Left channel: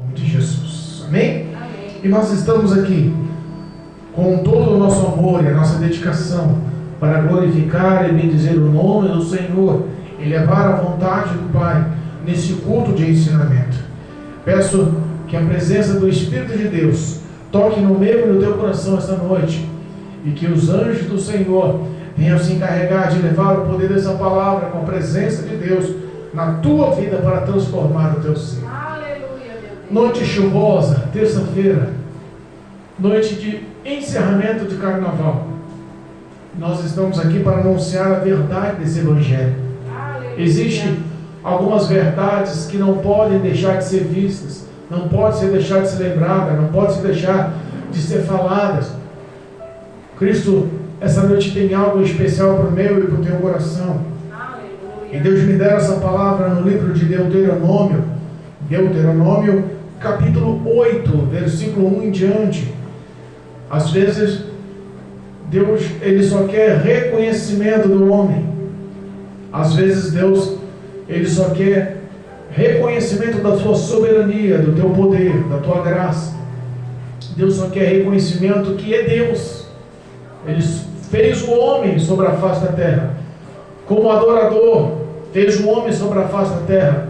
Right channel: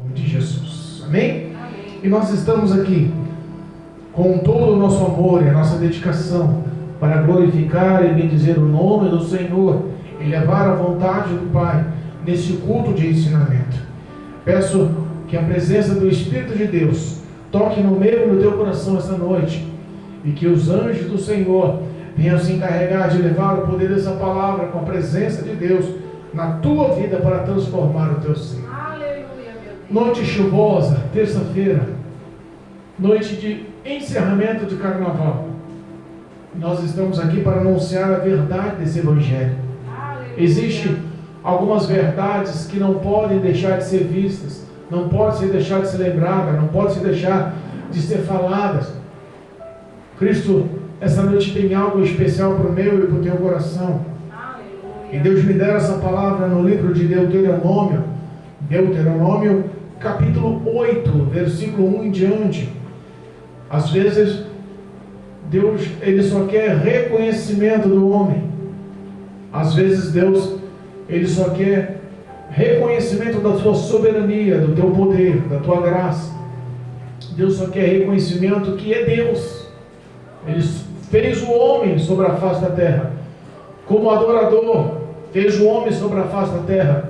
Em nome de Jesus. Amém? Amém. E nós estamos aqui com todo o nosso amor e a nossa dedicação para glorificar e bendizer o nome do Senhor e levar a vontade do Pai nesse culto de ensinamento. Peço que a presença do Espírito de Deus toque no meu e no teu coração esta noite e que os anjos do Senhor venham se encarregar de levar o poder dessa palavra com a presença de Deus na tua vida para transformar o teu ser. Aleluia, Noite chuvosa, terça-feira, noite de encerramento de carnaval. Nós estamos aqui para anunciar a verdade desse evangelho. Aleluia. Existem algumas verdades que não podem deixar de ser vistas, não podem deixar de ser lembradas, não podem deixar de ser faladas. Cristo, essa noite tem algo especial para o meu e para o teu coração. Aleluia. E Deus me dera essa palavra no livro de Deuteronômio, capítulo 8, versículo 1 em diante. Às vezes, Deus, Ele só quer reconhecimento do homem. Às vezes, Deus, Ele só quer reconhecimento da tua soberania, do teu poder, da tua graça. Deus só quer reconhecimento que é Deus. Ele fez o homem sobre a face da terra como adorador, fez o homem sobre a face da terra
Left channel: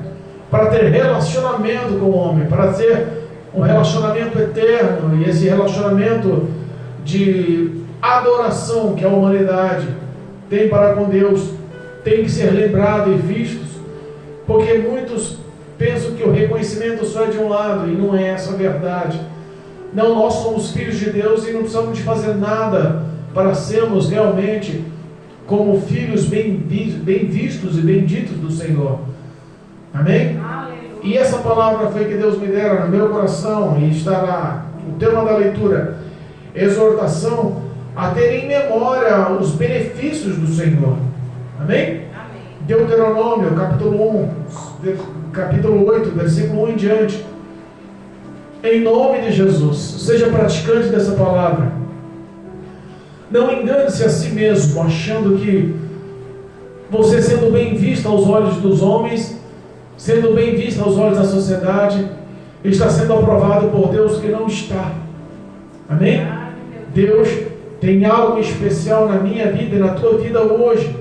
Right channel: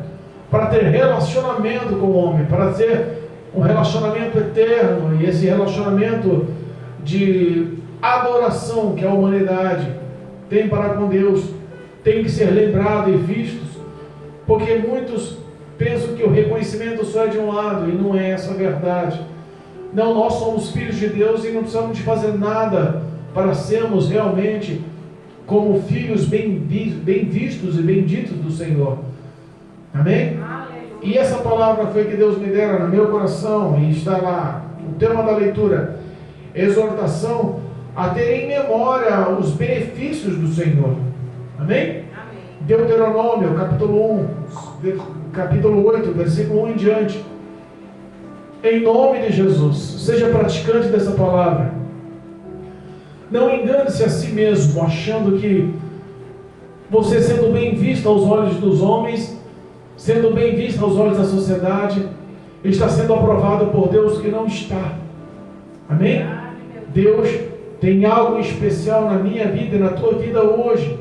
para ter relacionamento com o homem, para ter um relacionamento eterno. E esse relacionamento de adoração que a humanidade tem para com Deus tem que ser lembrado e visto, porque muitos pensam que o reconhecimento só é de um lado, e não é essa a verdade. Não, nós somos filhos de Deus e não precisamos de fazer nada para sermos realmente como filhos bem vistos e benditos do Senhor. Amém? Aleluia. E essa palavra foi que Deus me dera no meu coração, e está lá o tema da leitura: exortação a ter em memória os benefícios do Senhor. Amém? Amém. Deuteronômio, capítulo 8, versículo 1 em diante. Em nome de Jesus, seja praticante dessa palavra. Não engane-se a si mesmo, achando que você, sendo bem visto aos olhos dos homens, sendo bem visto aos olhos da sociedade, está sendo aprovado por Deus, que não está. Amém? Deus tem algo especial na minha vida e na tua vida hoje.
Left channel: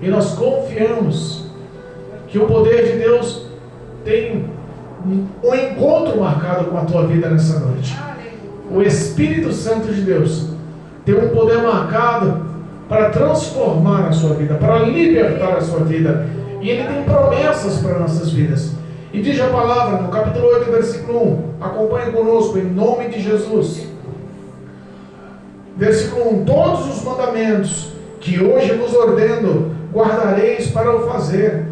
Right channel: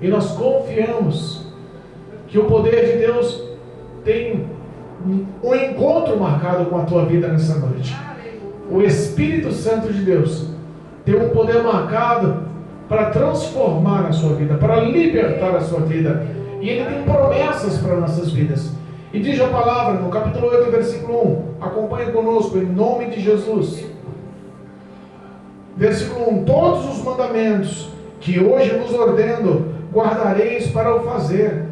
E nós confiamos que o poder de Deus tem um encontro marcado com a tua vida nessa noite. O Espírito Santo de Deus tem um poder marcado para transformar a sua vida, para libertar a sua vida. E Ele tem promessas para nossas vidas. E diz a palavra no capítulo 8, versículo 1. Acompanhe conosco, em nome de Jesus. Versículo 1. Todos os mandamentos que hoje vos ordeno, guardareis para o fazer.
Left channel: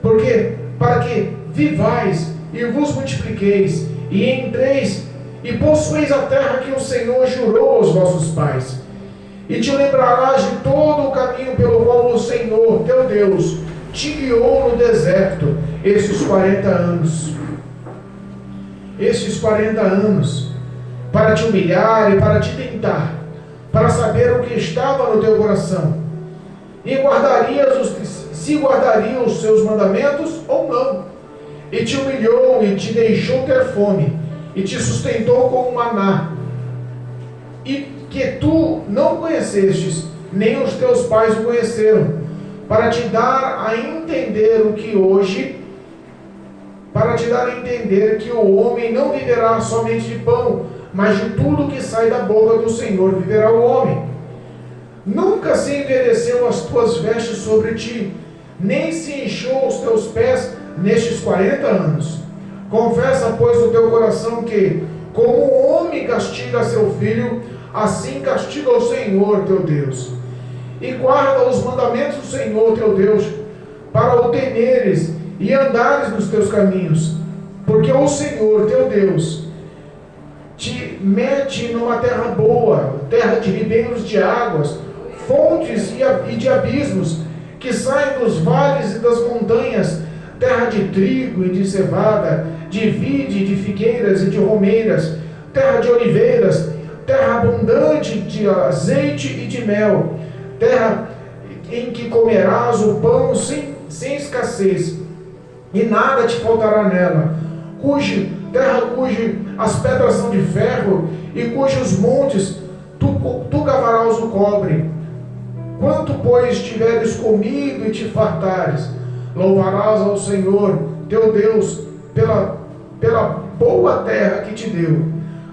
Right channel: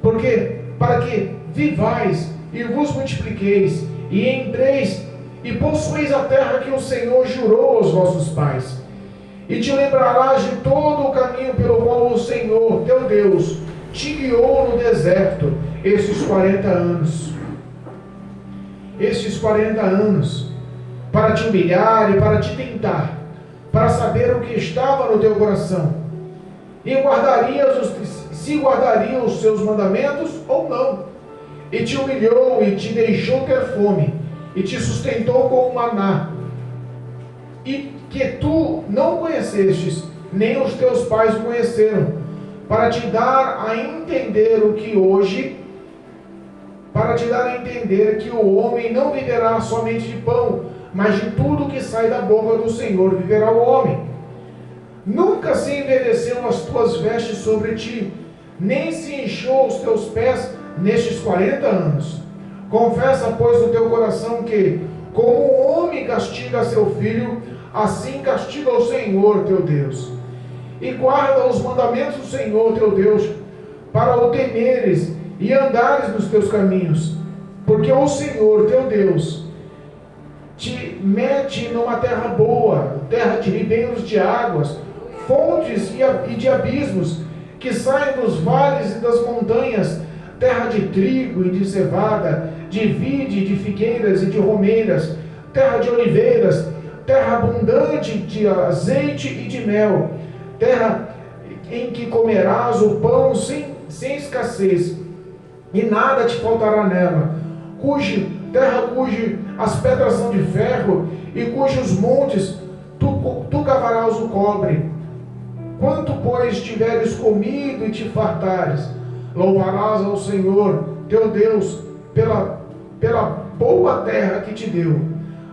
Porque para que vivais e vos multipliqueis, e entreis e possueis a terra que o Senhor jurou aos vossos pais. E te lembrarás de todo o caminho pelo qual o Senhor, teu Deus, te guiou no deserto esses 40 anos. Esses 40 anos, para te humilhar e para te tentar, para saber o que estava no teu coração, e se guardarias os seus mandamentos ou não. E te humilhou e te deixou ter fome, e te sustentou com o maná, e que tu não conhecestes, nem os teus pais o conheceram, para te dar a entender que o homem não viverá somente de pão, mas de tudo que sai da boca do Senhor viverá o homem. Nunca se envelheceu as tuas vestes sobre ti, nem se inchou os teus pés nestes 40 anos. Confessa, pois, no teu coração que, como o homem castiga seu filho, assim castiga o Senhor teu Deus. E guarda os mandamentos do Senhor teu Deus, para o temeres e andares nos teus caminhos. Porque o Senhor teu Deus te mete numa terra boa, terra de ribeiros de águas, fontes e de abismos, que saem dos vales e das montanhas, terra de trigo e de cevada, de vide, de figueiras e de romeiras, terra de oliveiras, terra abundante de azeite e de mel, terra em que comerás o pão sem escassez, e nada te faltará nela, terra as pedras são de ferro, e cujos montes tu cavarás o cobre. Quanto, pois, tiveres comido e te fartares, louvarás ao Senhor teu Deus pela boa terra que te deu.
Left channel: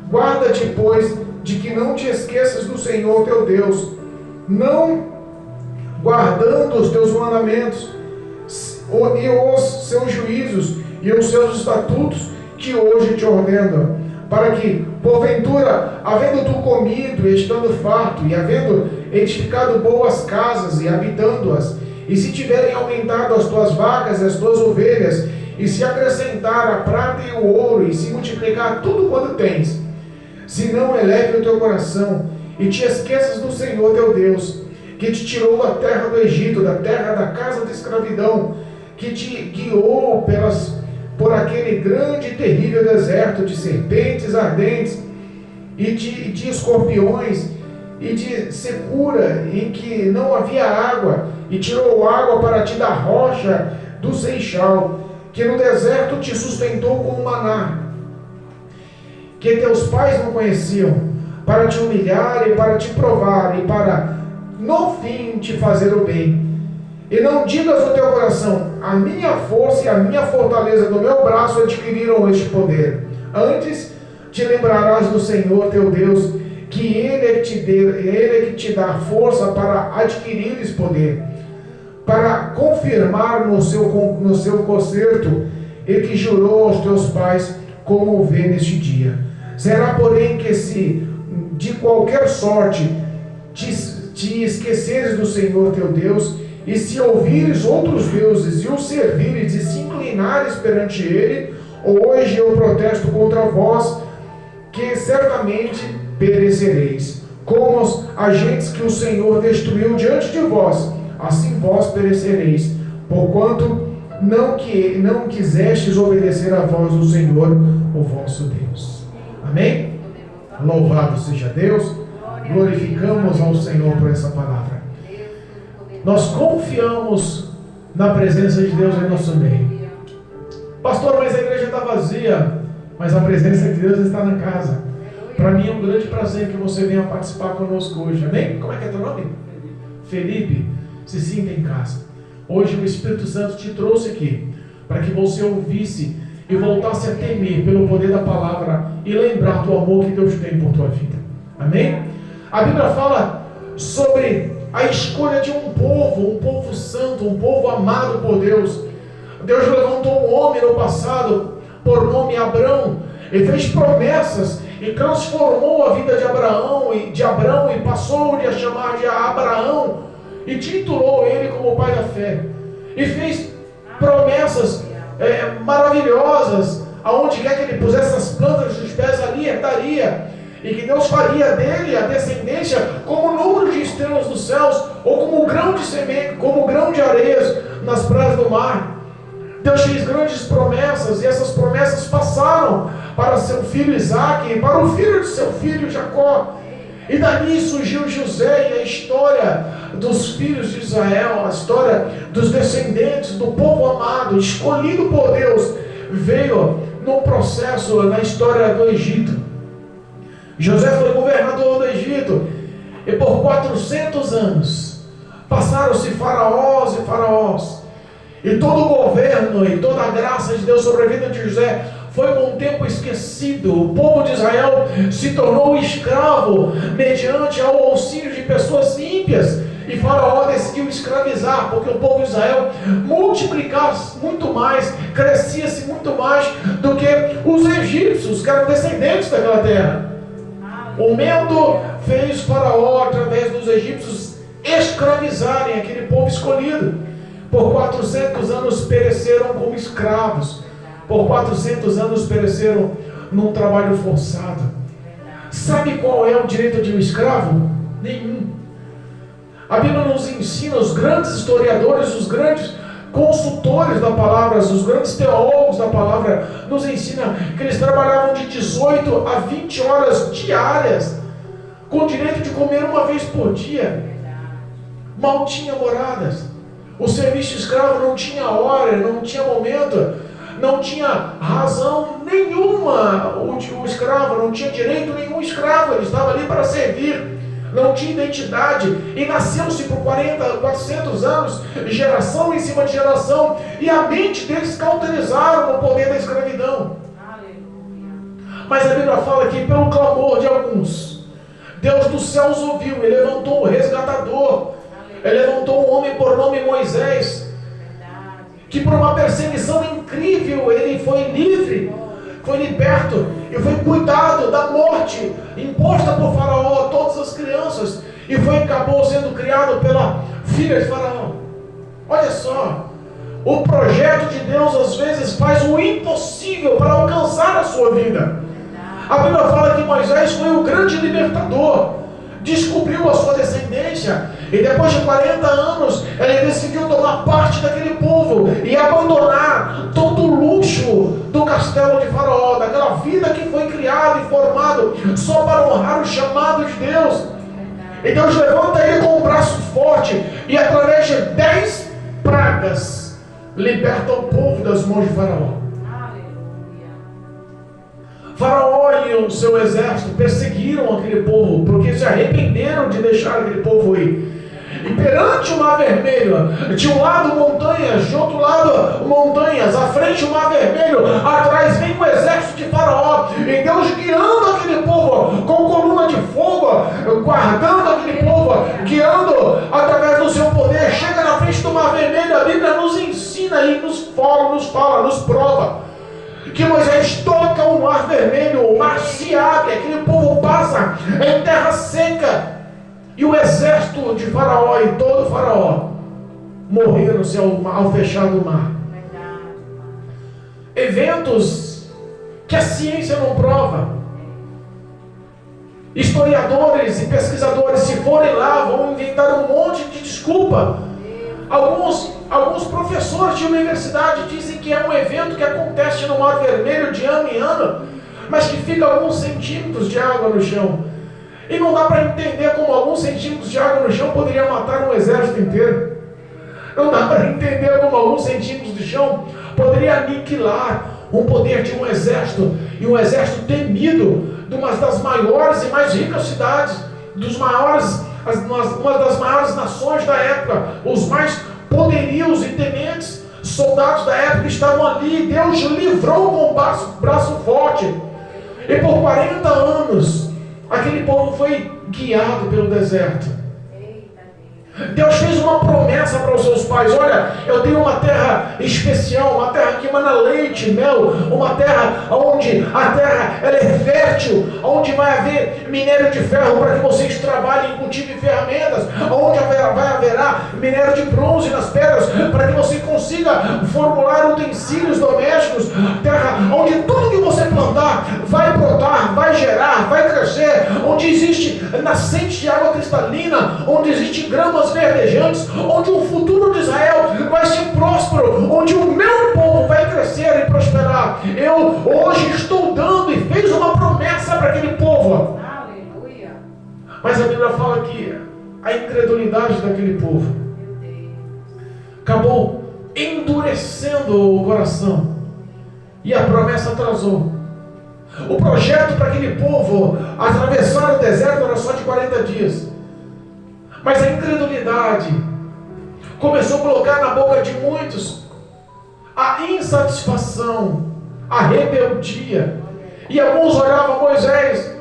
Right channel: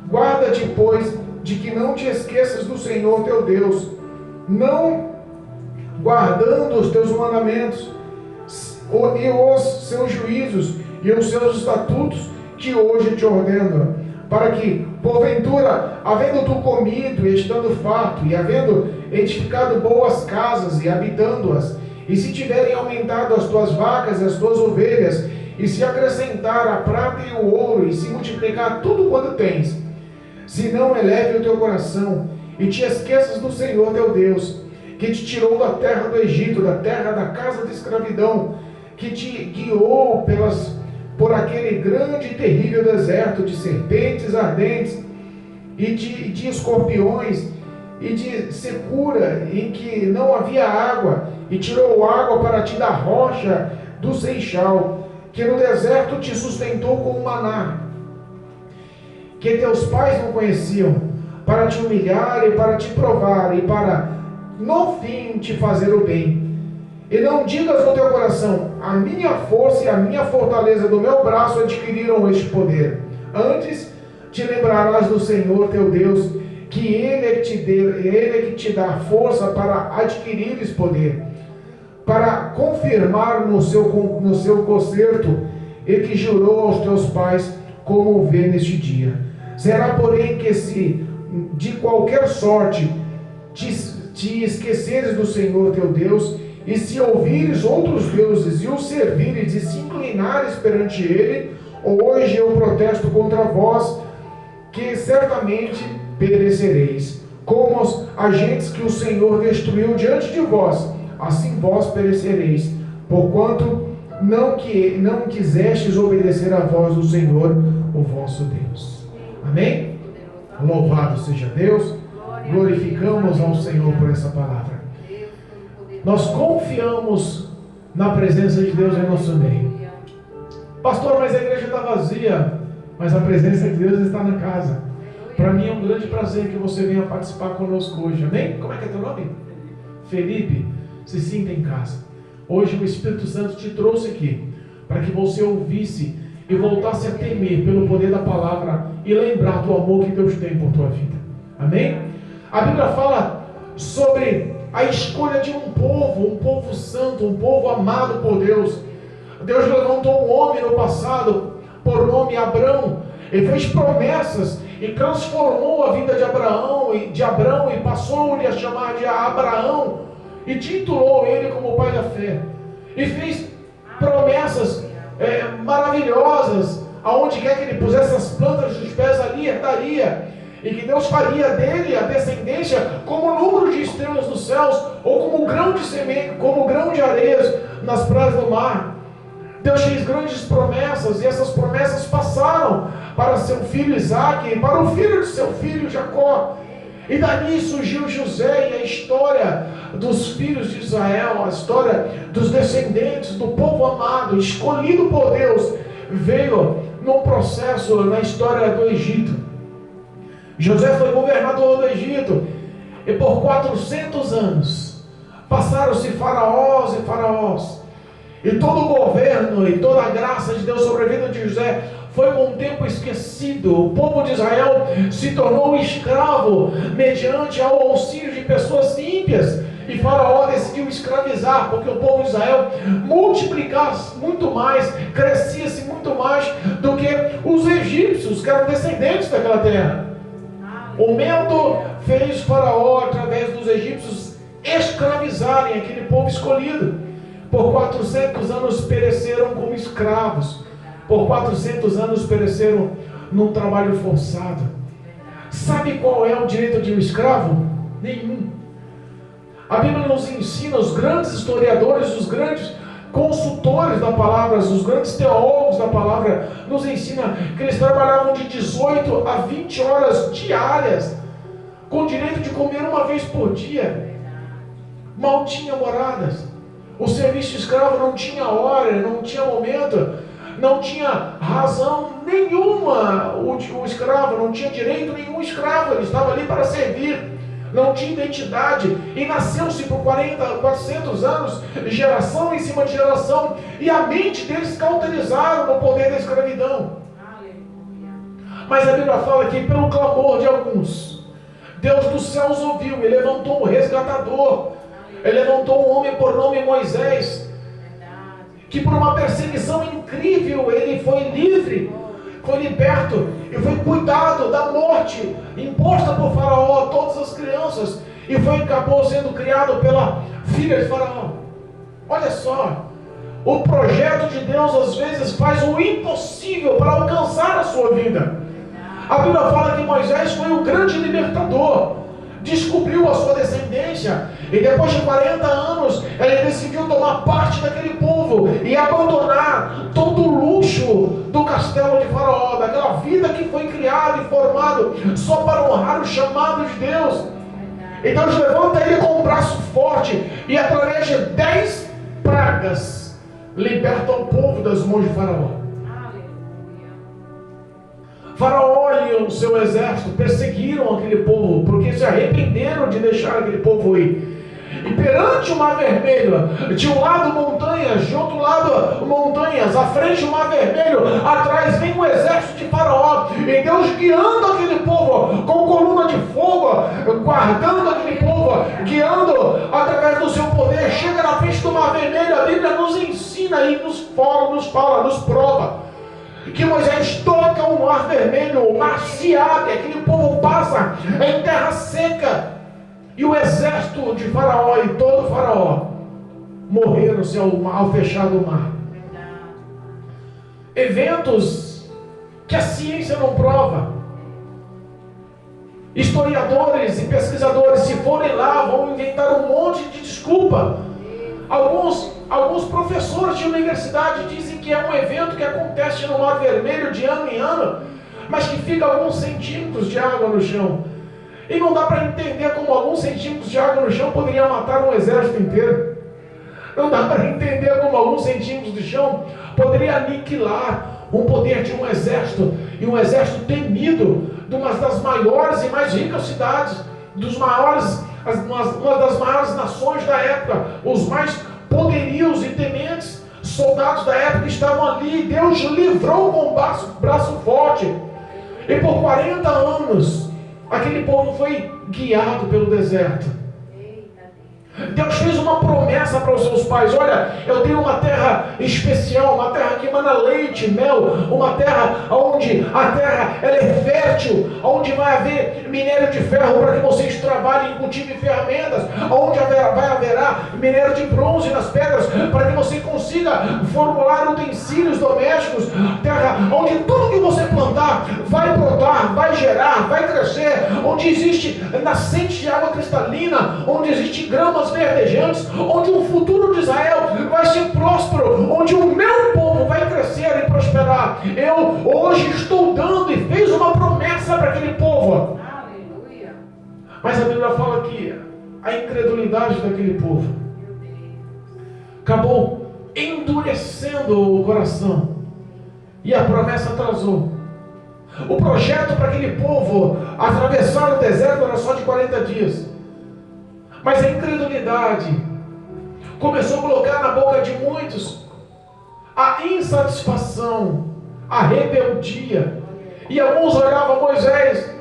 Guarda-te, pois, de que não te esqueças do Senhor teu Deus, não guardando os teus mandamentos e os seus juízos e os seus estatutos que hoje te ordeno, para que, porventura, havendo tu comido e estando farto, e havendo edificado boas casas e habitando-as, e se tiverem aumentado as tuas vacas e as tuas ovelhas, e se acrescentar a prata e o ouro, e se multiplicar tudo quanto tens, se não eleve o teu coração, e te esqueças do Senhor teu Deus, que te tirou da terra do Egito, da terra da casa de escravidão, que te guiou por aquele grande e terrível deserto de serpentes ardentes, e de escorpiões, e de secura, em que não havia água, e tirou água para ti da rocha do Seixal, que no deserto te sustentou com o maná, que teus pais não conheciam, para te humilhar e para te provar, e para, no fim, te fazer o bem. E não digas no teu coração: a minha força e a minha fortaleza do meu braço adquiriram este poder. Antes te lembrarás do Senhor teu Deus, que Ele é que te dá força para adquirir esse poder, para confirmar no seu concerto, e que jurou aos teus pais, como vê neste dia. Será, porém, que se de qualquer sorte te esqueceres do Senhor teu Deus, e se ouvires outros deuses e os servires e se inclinares perante ele, hoje eu protesto contra vós, que certamente perecereis. Como os agentes que o Senhor destruiu diante de vós, assim vós perecereis, porquanto não quisestes obedecer à voz do Senhor, o vosso Deus. Amém? Louvado seja Deus. Glorificamos ao Senhor por essa palavra. Nós confiamos na presença de Deus em nosso meio. Pastor, mas a igreja está vazia. Mas a presença de Deus está na casa. Para mim é um grande prazer que você venha participar conosco hoje. Amém? Como é que é teu nome? Felipe. Se sinta em casa. Hoje o Espírito Santo te trouxe aqui para que você ouvisse e voltasse a temer pelo poder da palavra e lembrar do amor que Deus tem por tua vida. Amém? A Bíblia fala sobre a escolha de um povo santo, um povo amado por Deus. Deus levantou um homem no passado, por nome Abrão, e fez promessas, e transformou a vida de Abraão, e passou-lhe a chamar de Abraão, e titulou ele como pai da fé, e fez promessas maravilhosas, aonde quer que ele pusesse as plantas dos pés, ali estaria, e que Deus faria dele a descendência como o número de estrelas dos céus, ou como o grão de semente, como o grão de areias nas praias do mar. Deus fez grandes promessas, e essas promessas passaram para seu filho Isaque, e para o filho de seu filho Jacó, e dali surgiu José, e a história dos filhos de Israel, a história dos descendentes do povo amado, escolhido por Deus, veio num processo na história do Egito. José foi governador do Egito, e por 400 anos passaram-se faraós e faraós, e todo o governo e toda a graça de Deus sobre a vida de José foi com o tempo esquecido. O povo de Israel se tornou escravo mediante ao auxílio de pessoas ímpias, e Faraó decidiu escravizar, porque o povo de Israel multiplicava-se muito mais, crescia-se muito mais do que os egípcios, que eram descendentes daquela terra. O medo fez Faraó, através dos egípcios, escravizarem aquele povo escolhido. Por 400 anos pereceram como escravos. Por 400 anos pereceram num trabalho forçado. Sabe qual é o direito de um escravo? Nenhum. A Bíblia nos ensina, os grandes historiadores, os grandes consultores da palavra, os grandes teólogos da palavra, nos ensinam que eles trabalhavam de 18 a 20 horas diárias, com o direito de comer uma vez por dia. Mal tinha moradas. O serviço escravo não tinha hora, não tinha momento. não tinha razão nenhuma, o escravo não tinha direito nenhum escravo, ele estava ali para servir, não tinha identidade, e nasceu-se por 40, 400 anos, geração em cima de geração, e a mente deles cauterizaram o poder da escravidão. Mas a Bíblia fala que pelo clamor de alguns, Deus dos céus ouviu, Ele levantou um resgatador, Ele levantou um homem por nome Moisés, que por uma perseguição incrível, ele foi livre, foi liberto, e foi cuidado da morte imposta por Faraó a todas as crianças, e acabou sendo criado pela filha de Faraó. Olha só, o projeto de Deus às vezes faz o impossível para alcançar a sua vida. A Bíblia fala que Moisés foi o grande libertador, descobriu a sua descendência, e depois de 40 anos, ele decidiu tomar parte daquele povo e abandonar todo o luxo do castelo de Faraó, daquela vida que foi criada e formada só para honrar o chamado de Deus. E Deus levanta ele com um braço forte e através de 10 pragas liberta o povo das mãos de Faraó. Faraó e o seu exército perseguiram aquele povo, porque se arrependeram de deixar aquele povo ir. E perante o Mar Vermelho, de um lado montanhas, de outro lado montanhas, à frente o Mar Vermelho, atrás vem o exército de Faraó, e Deus guiando aquele povo com coluna de fogo, guardando aquele povo, guiando através do seu poder, chega na frente do Mar Vermelho. A Bíblia nos ensina e nos fala, nos prova que Moisés toca o Mar Vermelho, o mar se abre, aquele povo passa em terra seca, e o exército de Faraó e todo Faraó morreram-se ao fechar o mar. Eventos que a ciência não prova. Historiadores e pesquisadores, se forem lá, vão inventar um monte de desculpa. Alguns professores de universidade dizem que é um evento que acontece no Mar Vermelho de ano em ano, mas que fica alguns centímetros de água no chão. E não dá para entender como alguns centímetros de água no chão poderia matar um exército inteiro. Não dá para entender como alguns centímetros de chão poderia aniquilar o poder de um exército, e um exército temido de uma das maiores e mais ricas cidades, uma das maiores nações da época, os mais poderios e tementes soldados da época estavam ali. Deus livrou com um braço forte, e por 40 anos aquele povo foi guiado pelo deserto. Deus fez uma promessa para os seus pais: olha, eu tenho uma terra especial, uma terra que emana leite e mel, uma terra onde a terra ela é fértil, onde vai haver minério de ferro para que vocês trabalhem e cultivem ferramentas, onde haverá minério de bronze nas pedras para que você consiga formular utensílios domésticos, terra onde tudo que você plantar vai brotar, vai gerar, vai crescer, onde existe nascente de água cristalina, onde existe gramas verdejantes, onde o futuro de Israel vai ser próspero, onde o meu povo vai crescer e prosperar. Eu hoje estou dando e fez uma promessa para aquele povo. Aleluia. Mas a Bíblia fala que a incredulidade daquele povo acabou endurecendo o coração, e a promessa atrasou. O projeto para aquele povo atravessar o deserto era só de 40 dias. Mas a incredulidade começou a colocar na boca de muitos a insatisfação, a rebeldia. E alguns olhavam: Moisés,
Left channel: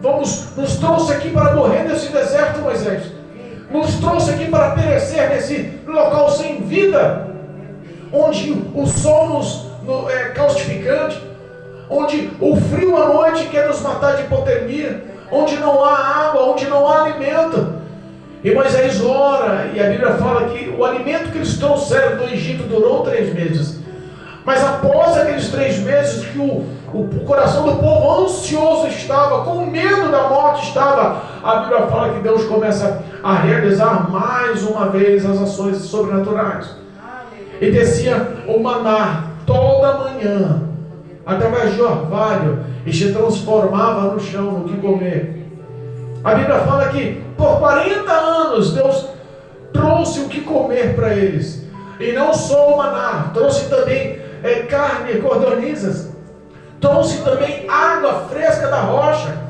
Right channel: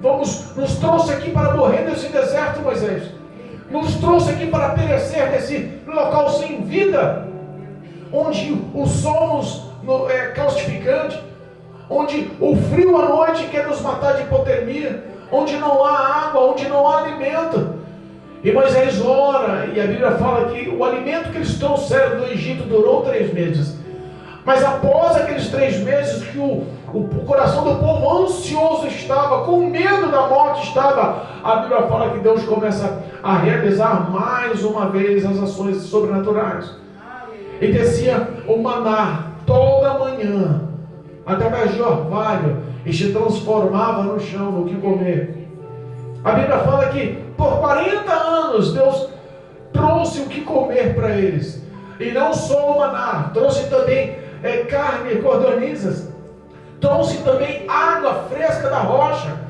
nos trouxe aqui para morrer nesse deserto, Moisés. Nos trouxe aqui para perecer nesse local sem vida, onde o sol é caustificante, onde o frio à noite quer nos matar de hipotermia, onde não há água, onde não há alimento. E Moisés ora, e a Bíblia fala que o alimento que eles trouxeram do Egito durou 3 meses. Mas após aqueles 3 meses que o coração do povo ansioso estava, com medo da morte estava, a Bíblia fala que Deus começa a realizar mais uma vez as ações sobrenaturais. E descia o maná toda manhã, através de orvalho, e se transformava no chão, no que comer. A Bíblia fala que por 40 anos Deus trouxe o que comer para eles. E não só o maná, trouxe também carne, codornizes. Trouxe também água fresca da rocha.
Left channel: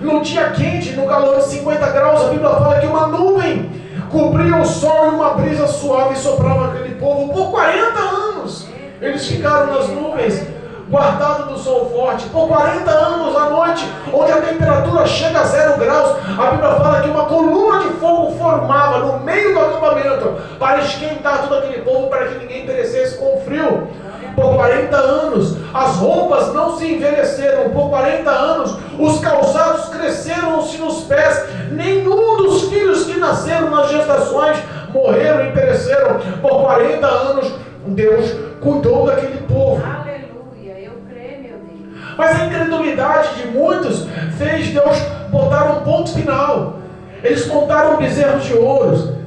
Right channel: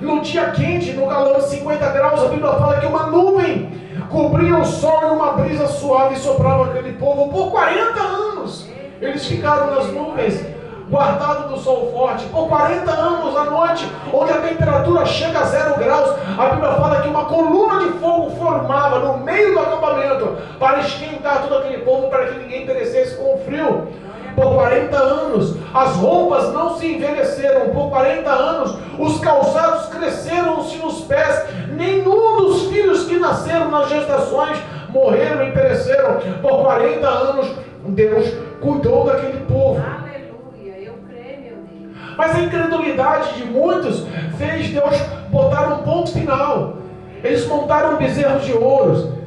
No dia quente, no calor de 50 graus, a Bíblia fala que uma nuvem cobria o sol e uma brisa suave soprava aquele povo por 40 anos. Eles ficaram nas nuvens, guardados do sol forte, por 40 anos à noite, onde a temperatura chega a 0 graus. A Bíblia fala que uma coluna de fogo formava no meio do acampamento para esquentar todo aquele povo, para que ninguém perecesse com o frio. Por 40 anos, as roupas não se envelheceram. Por 40 anos, os calçados cresceram-se nos pés. Nenhum dos filhos que nasceram nas gestações morreram e pereceram. Por 40 anos, Deus cuidou daquele povo. Aleluia, eu creio, meu Deus. Mas a incredulidade de muitos fez Deus botar um ponto final. Eles montaram bezerros de ouro.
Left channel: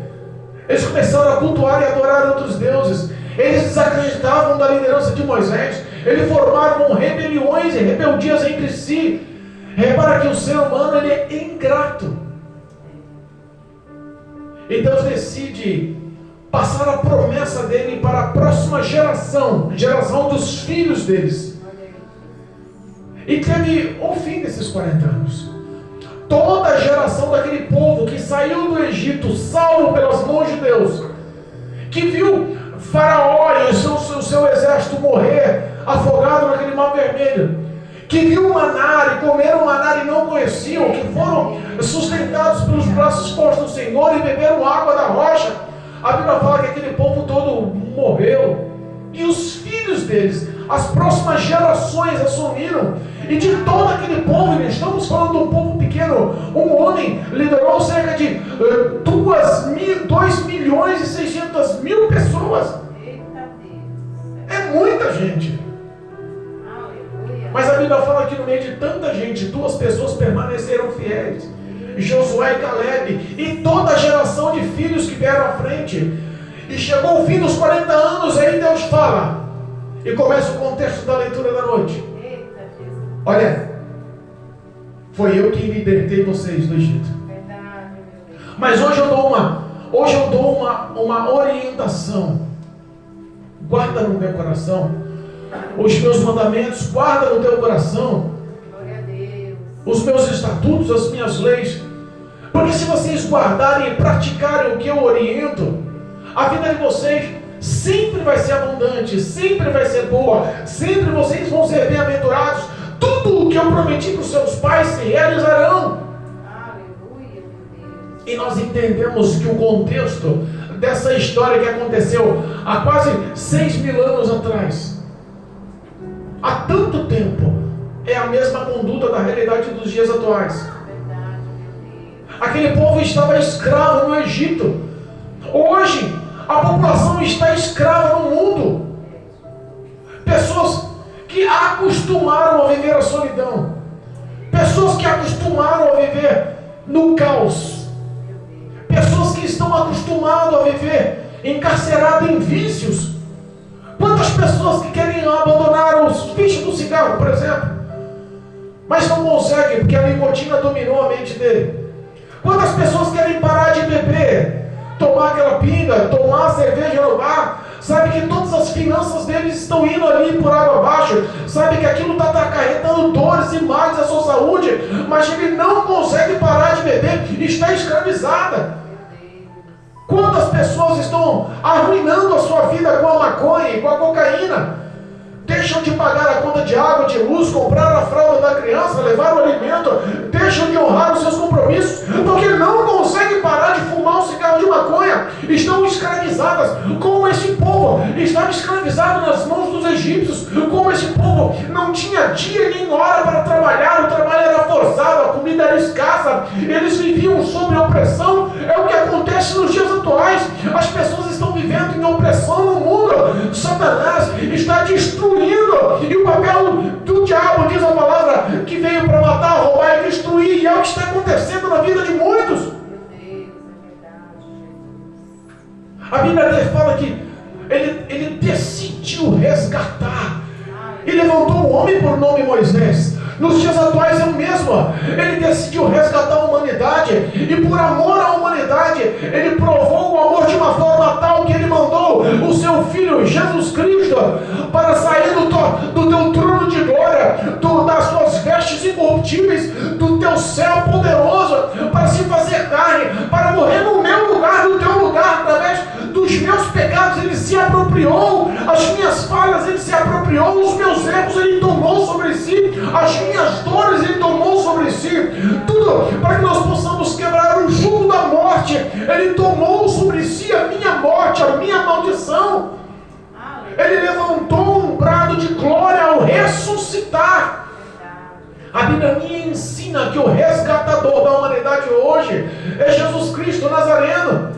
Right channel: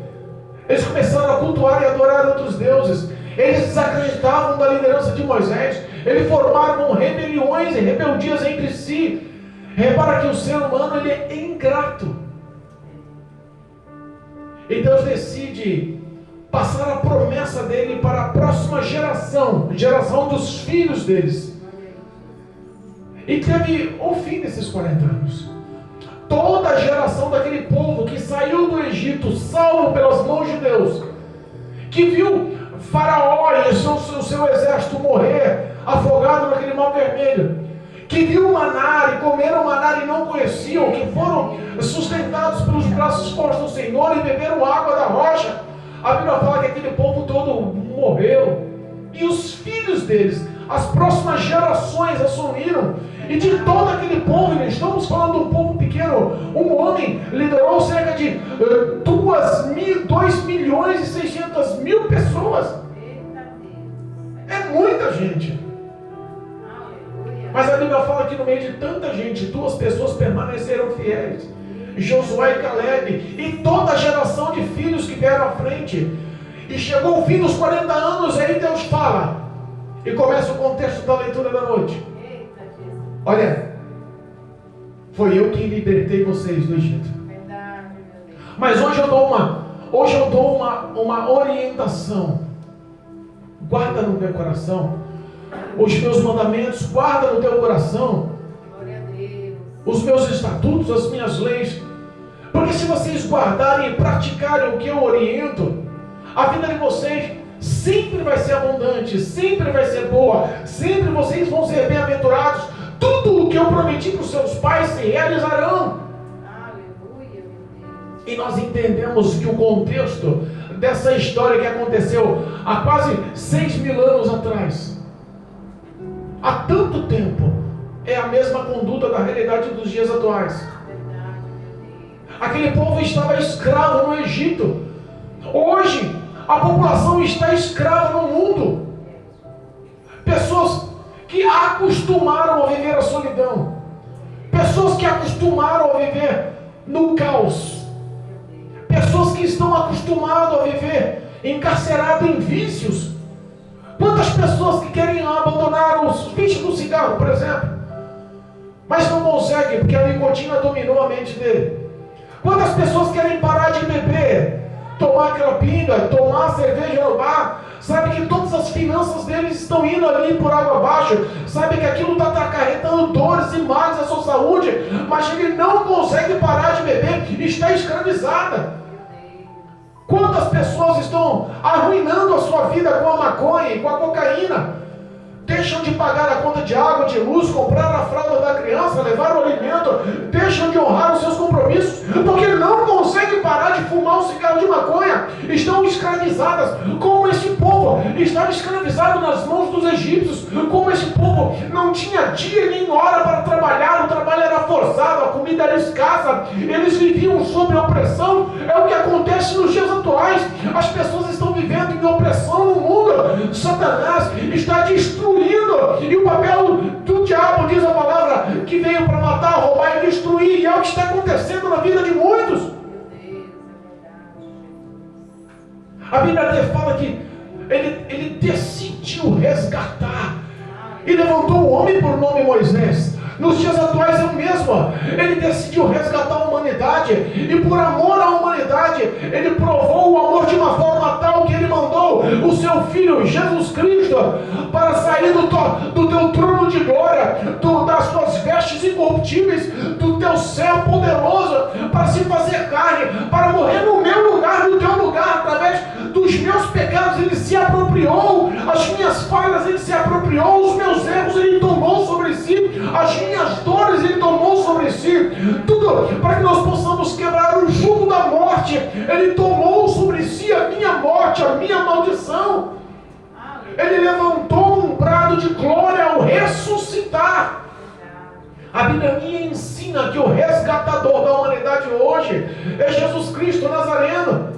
Eles começaram a cultuar e adorar outros deuses. Eles desacreditavam da liderança de Moisés. Eles formaram rebeliões e rebeldias entre si. Repara que o ser humano ele é ingrato. E Deus decide passar a promessa dele para a próxima geração, geração dos filhos deles. E teve o fim desses 40 anos. Toda a geração daquele povo que saiu do Egito, salvo pelas mãos de Deus, que viu Faraó e o seu exército morrer afogado naquele mar vermelho, que viu o maná e comeram maná e não conheciam, que foram sustentados pelos braços fortes do Senhor e beberam água da rocha. A Bíblia fala que aquele povo todo morreu, e os filhos deles, as próximas gerações assumiram. E de todo aquele povo, estamos falando de um povo pequeno, um homem liderou cerca de 2 milhões e 600 mil pessoas. É muita gente. Mas a Bíblia fala que no meio de tanta gente, 2 pessoas permaneceram fiéis: Josué e Caleb, e toda a geração de filhos que vieram à frente. E chegou o fim dos 40 anos, aí Deus fala, e começa o contexto da leitura da noite. Olha, foi eu que libertei vocês do Egito. Mas hoje eu dou uma orientação. Guarda no teu coração os meus mandamentos, guarda no teu coração os meus estatutos, as minhas leis, porque se vocês guardarem e praticarem o que eu oriento, a vida de vocês sempre vai ser abundante, sempre vai ser boa, sempre vocês vão ser bem-aventurados. Tudo o que eu prometi para os seus pais se realizarão. Aleluia, meu Deus. E nós entendemos que o contexto dessa história que aconteceu há quase 6.000 anos atrás, há tanto tempo, é a mesma conduta da realidade dos dias atuais. Aquele povo estava escravo no Egito. Hoje, a população está escrava no mundo. Pessoas que acostumaram a viver a solidão. Pessoas que acostumaram a viver no caos. Pessoas que estão acostumadas a viver encarceradas em vícios. Quantas pessoas que querem abandonar os vícios do cigarro, por exemplo, mas não conseguem porque a nicotina dominou a mente dele. Quantas pessoas querem parar de beber, tomar aquela pinga, tomar cerveja no bar, sabe que todas as finanças deles estão indo ali por água abaixo, sabe que aquilo está acarretando dores e males à sua saúde, mas ele não consegue parar de beber, está escravizada. Quantas pessoas estão arruinando a sua vida com a maconha e com a cocaína? Deixam de pagar a conta de água, de luz, comprar a fralda da criança, levar o alimento, deixam de honrar os seus compromissos, porque não conseguem parar de fumar um cigarro de maconha, estão escravizadas, como esse povo estava escravizado nas mãos dos egípcios, como esse povo não tinha dia nem hora para trabalhar, o trabalho era forçado, a comida era escassa, eles viviam sob opressão. É o que acontece nos dias atuais, as pessoas estão vivendo em opressão no mundo. Satanás está destruindo, e o papel do diabo, diz a palavra, que veio para matar, roubar e destruir, e é o que está acontecendo na vida de muitos. A Bíblia fala que ele decidiu resgatar e levantou um homem por nome Moisés. Nos dias atuais é o mesmo. Ele decidiu resgatar a humanidade, e por amor à humanidade ele provou o amor de uma forma tal que ele mandou o seu Filho Jesus Cristo para sair do teu trono de glória, das tuas vestes incorruptíveis, do teu céu poderoso, para se fazer carne, para morrer no meu lugar, no teu lugar, através dos meus pecados. Ele se apropriou, as minhas falhas Ele se apropriou, os meus erros Ele tomou sobre si, as minhas dores Ele tomou sobre si, tudo para que nós possamos quebrar o jugo da morte. Ele tomou sobre si a minha morte, a minha maldição. Ele levantou um brado de glória ao ressuscitar. A Bíblia me ensina que o resgatador da humanidade hoje é Jesus Cristo Nazareno.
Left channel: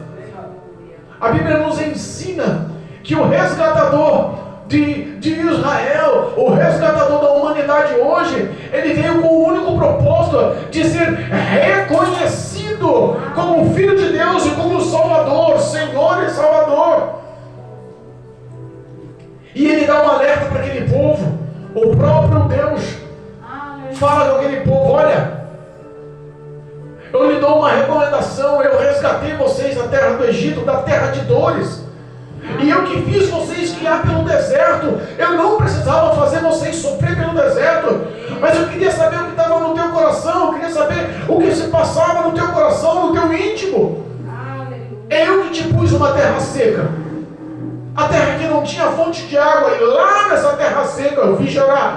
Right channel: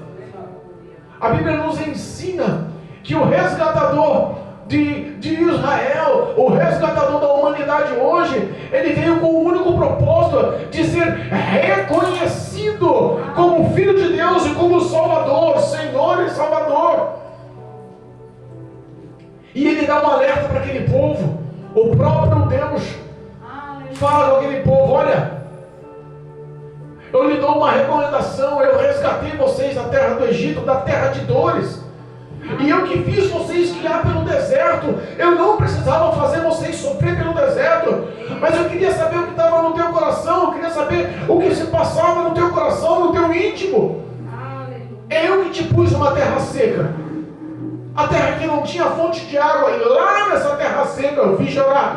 A Bíblia nos ensina que o resgatador de Israel, o resgatador da humanidade hoje, ele veio com o único propósito de ser reconhecido como Filho de Deus e como Salvador, Senhor e Salvador. E ele dá um alerta para aquele povo. O próprio Deus fala com aquele povo: olha, eu lhe dou uma recomendação, eu resgatei vocês da terra do Egito, da terra de dores, e eu que fiz vocês guiar pelo deserto. Eu não precisava fazer vocês sofrer pelo deserto, mas eu queria saber o que estava no teu coração, eu queria saber o que se passava no teu coração, no teu íntimo. Eu que te pus numa terra seca, a terra que não tinha fonte de água, e lá nessa terra seca eu vi jorrar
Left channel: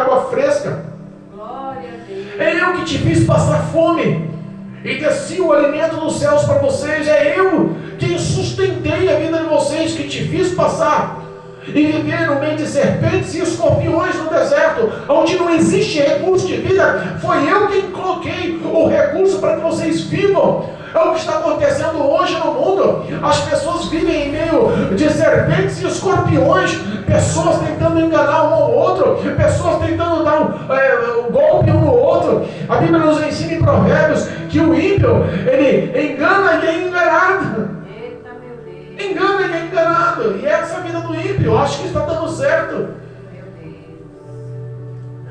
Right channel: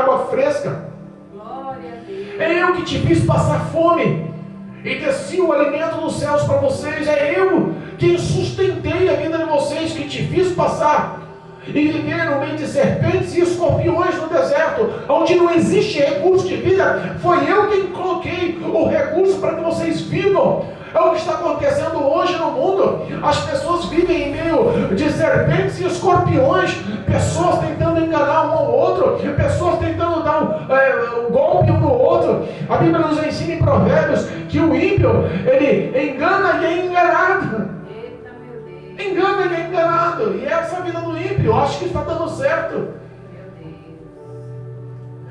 água fresca. É eu que te fiz passar fome e desci o alimento dos céus para vocês. É eu quem sustentei a vida de vocês, que te fiz passar e viver no meio de serpentes e escorpiões no deserto, onde não existe recurso de vida. Foi eu quem coloquei o recurso para que vocês vivam. É o que está acontecendo hoje no mundo. As pessoas vivem em meio de serpentes e escorpiões, pessoas tentando enganar um ao outro, pessoas tentando dar um golpe um no outro. A Bíblia nos ensina em Provérbios que o ímpio, ele engana e é enganado. Engana e é enganado. E essa é a vida do ímpio. Eu acho que está dando certo.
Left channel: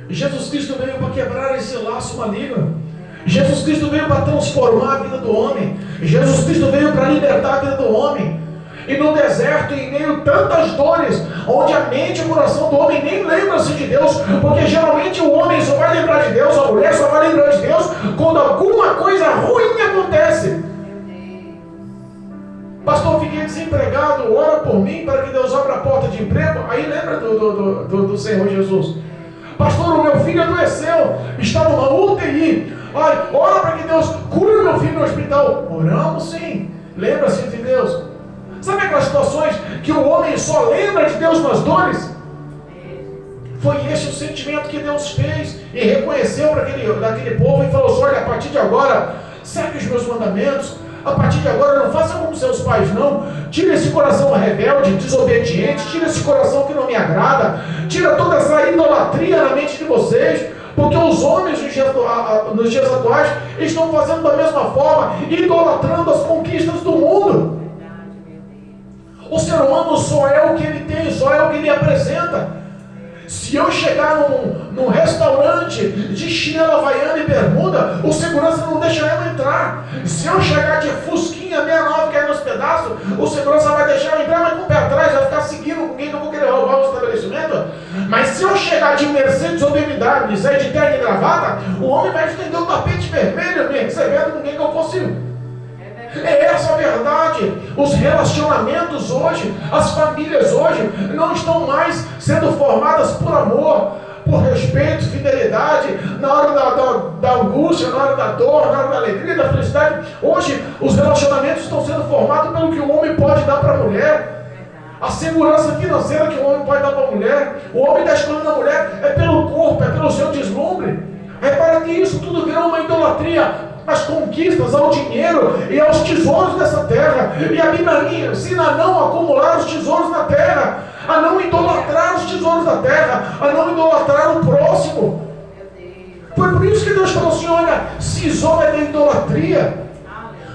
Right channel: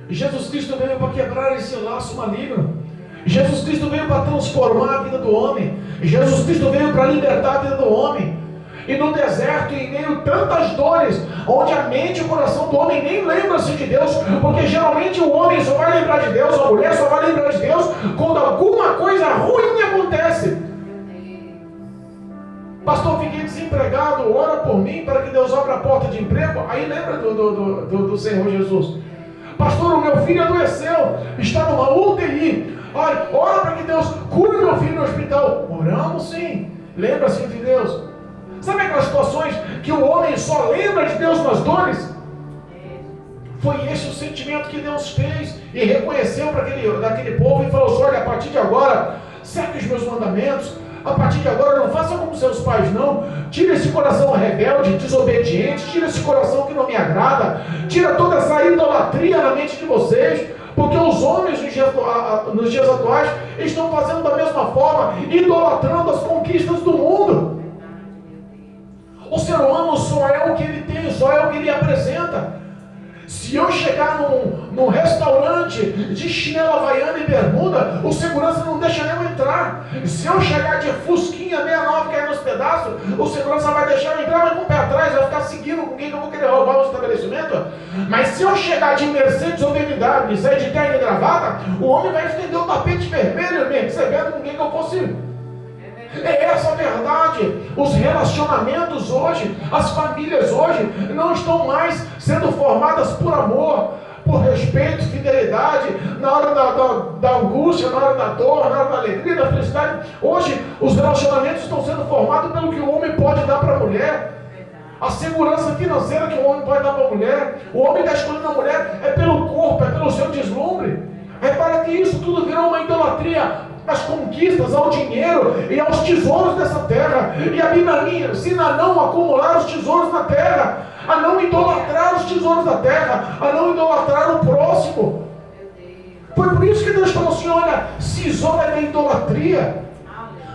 Jesus Cristo veio para quebrar esse laço maligno. Jesus Cristo veio para transformar a vida do homem. Jesus Cristo veio para libertar a vida do homem. E no deserto, em meio a tantas dores, onde a mente e o coração do homem nem lembram-se de Deus, porque geralmente o homem só vai lembrar de Deus, a mulher só vai lembrar de Deus quando alguma coisa ruim acontece. Pastor, fiquei desempregado, ora por mim para que Deus abra a porta de emprego. Aí lembra do Senhor Jesus. Pastor, o meu filho adoeceu, está numa UTI. Ai, ora para que Deus cure meu filho no hospital. Oramos sim, lembra-se de Deus. Sabe aquelas situações que o homem só lembra de Deus nas dores? Foi esse o sentimento que Deus fez e reconheceu para daquele povo e falou assim: olha, a partir de agora, segue os meus mandamentos. A partir de agora, não faça como seus pais, não. Tira esse coração rebelde, desobediente, tira esse coração que não me agrada, tira toda essa idolatria na mente de vocês. Porque os homens nos dias atuais estão fazendo da mesma forma, idolatrando as conquistas do mundo. O ser humano só é o que ele tem, só é o que ele apresenta. Se eu chegar num restaurante de chinelo havaiana e bermuda, o segurança não deixa eu entrar. Se eu chegar de fusquinha 69 cair nos pedaços, o segurança vai deixar eu entrar, mas com o pé atrás, vai ficar seguindo com quem que eu vou querer roubar o estabelecimento. Mas se eu chegar de Mercedes ou BMW, sair de terno e gravata, o homem vai estender o tapete vermelho me recebendo com quem que eu fosse. É essa a verdade. Os relacionamentos hoje, as famílias hoje, não estão mais sendo formadas por amor, por respeito, fidelidade, na hora da angústia, na hora da dor, na hora da alegria, da felicidade. Hoje, os relacionamentos estão sendo formados pelo que o homem pode dar para a mulher, a segurança financeira que o homem pode dar para a mulher. O homem está escolhendo a mulher é pelo corpo, é pelo seu deslumbre. Repara que isso tudo virou uma idolatria às conquistas, ao dinheiro e aos tesouros dessa terra. E a Bíblia ensina a não acumular os tesouros na terra, a não idolatrar os tesouros da terra, a não idolatrar o próximo. Foi por isso que Deus falou assim: olha, se isola da idolatria.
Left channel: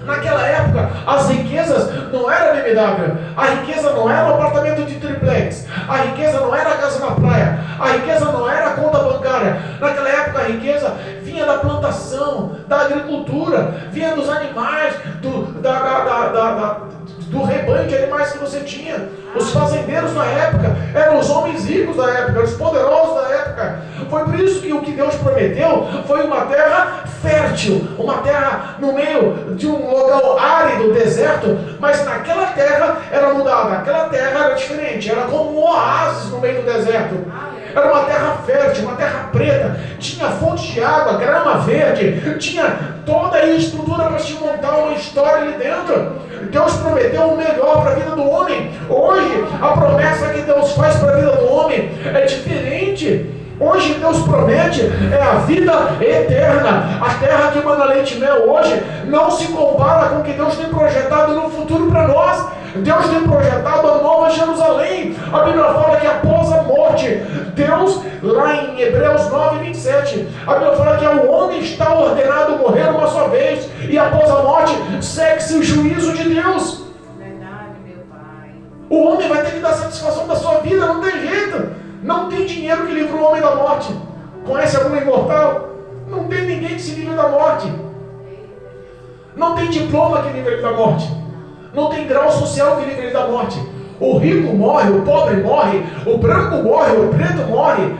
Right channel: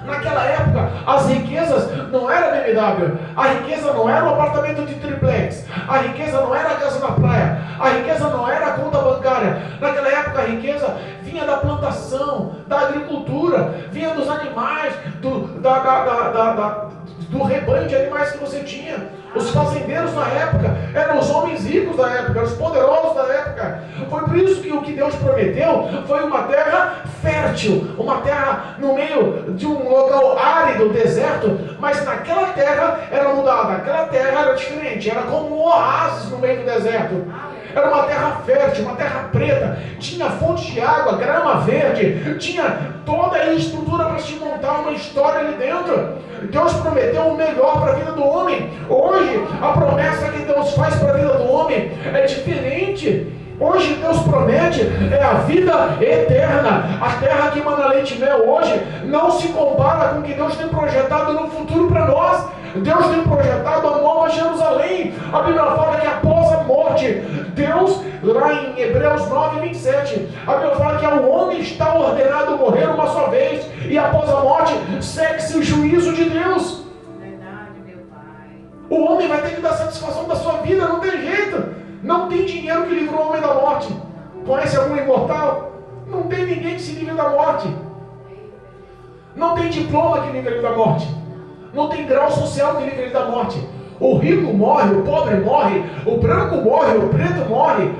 Naquela época, as riquezas não era BMW, a riqueza não era um apartamento de triplex, a riqueza não era a casa na praia, a riqueza não era a conta bancária. Naquela época, a riqueza vinha da plantação, da agricultura, vinha dos animais, do rebanho de animais que você tinha. Os fazendeiros da época eram os homens ricos da época, os poderosos da época. Foi por isso que o que Deus prometeu foi uma terra fértil, uma terra no meio de um local árido, deserto, mas naquela terra era mudada, aquela terra era diferente, era como um oásis no meio do deserto. Era uma terra fértil, uma terra preta, tinha fontes de água, grama verde, tinha toda a estrutura para se montar uma história ali dentro. Deus prometeu o melhor para a vida do homem. Hoje, a promessa que Deus faz para a vida do homem é diferente. Hoje Deus promete a vida eterna. A terra que mana leite e mel hoje não se compara com o que Deus tem projetado no futuro para nós. Deus tem projetado a nova Jerusalém. A Bíblia fala que após a morte, Deus, lá em Hebreus 9, 27, a Bíblia fala que o homem está ordenado morrer uma só vez, e após a morte segue-se o juízo de Deus. Verdade, meu Pai. O homem vai ter que dar satisfação da sua vida, não tem jeito. Não tem dinheiro que livre o homem da morte. Conhece algum imortal? Não tem ninguém que se livre da morte. Não tem diploma que livre ele da morte. Não tem grau social que livre ele da morte. O rico morre, o pobre morre, o branco morre, o preto morre,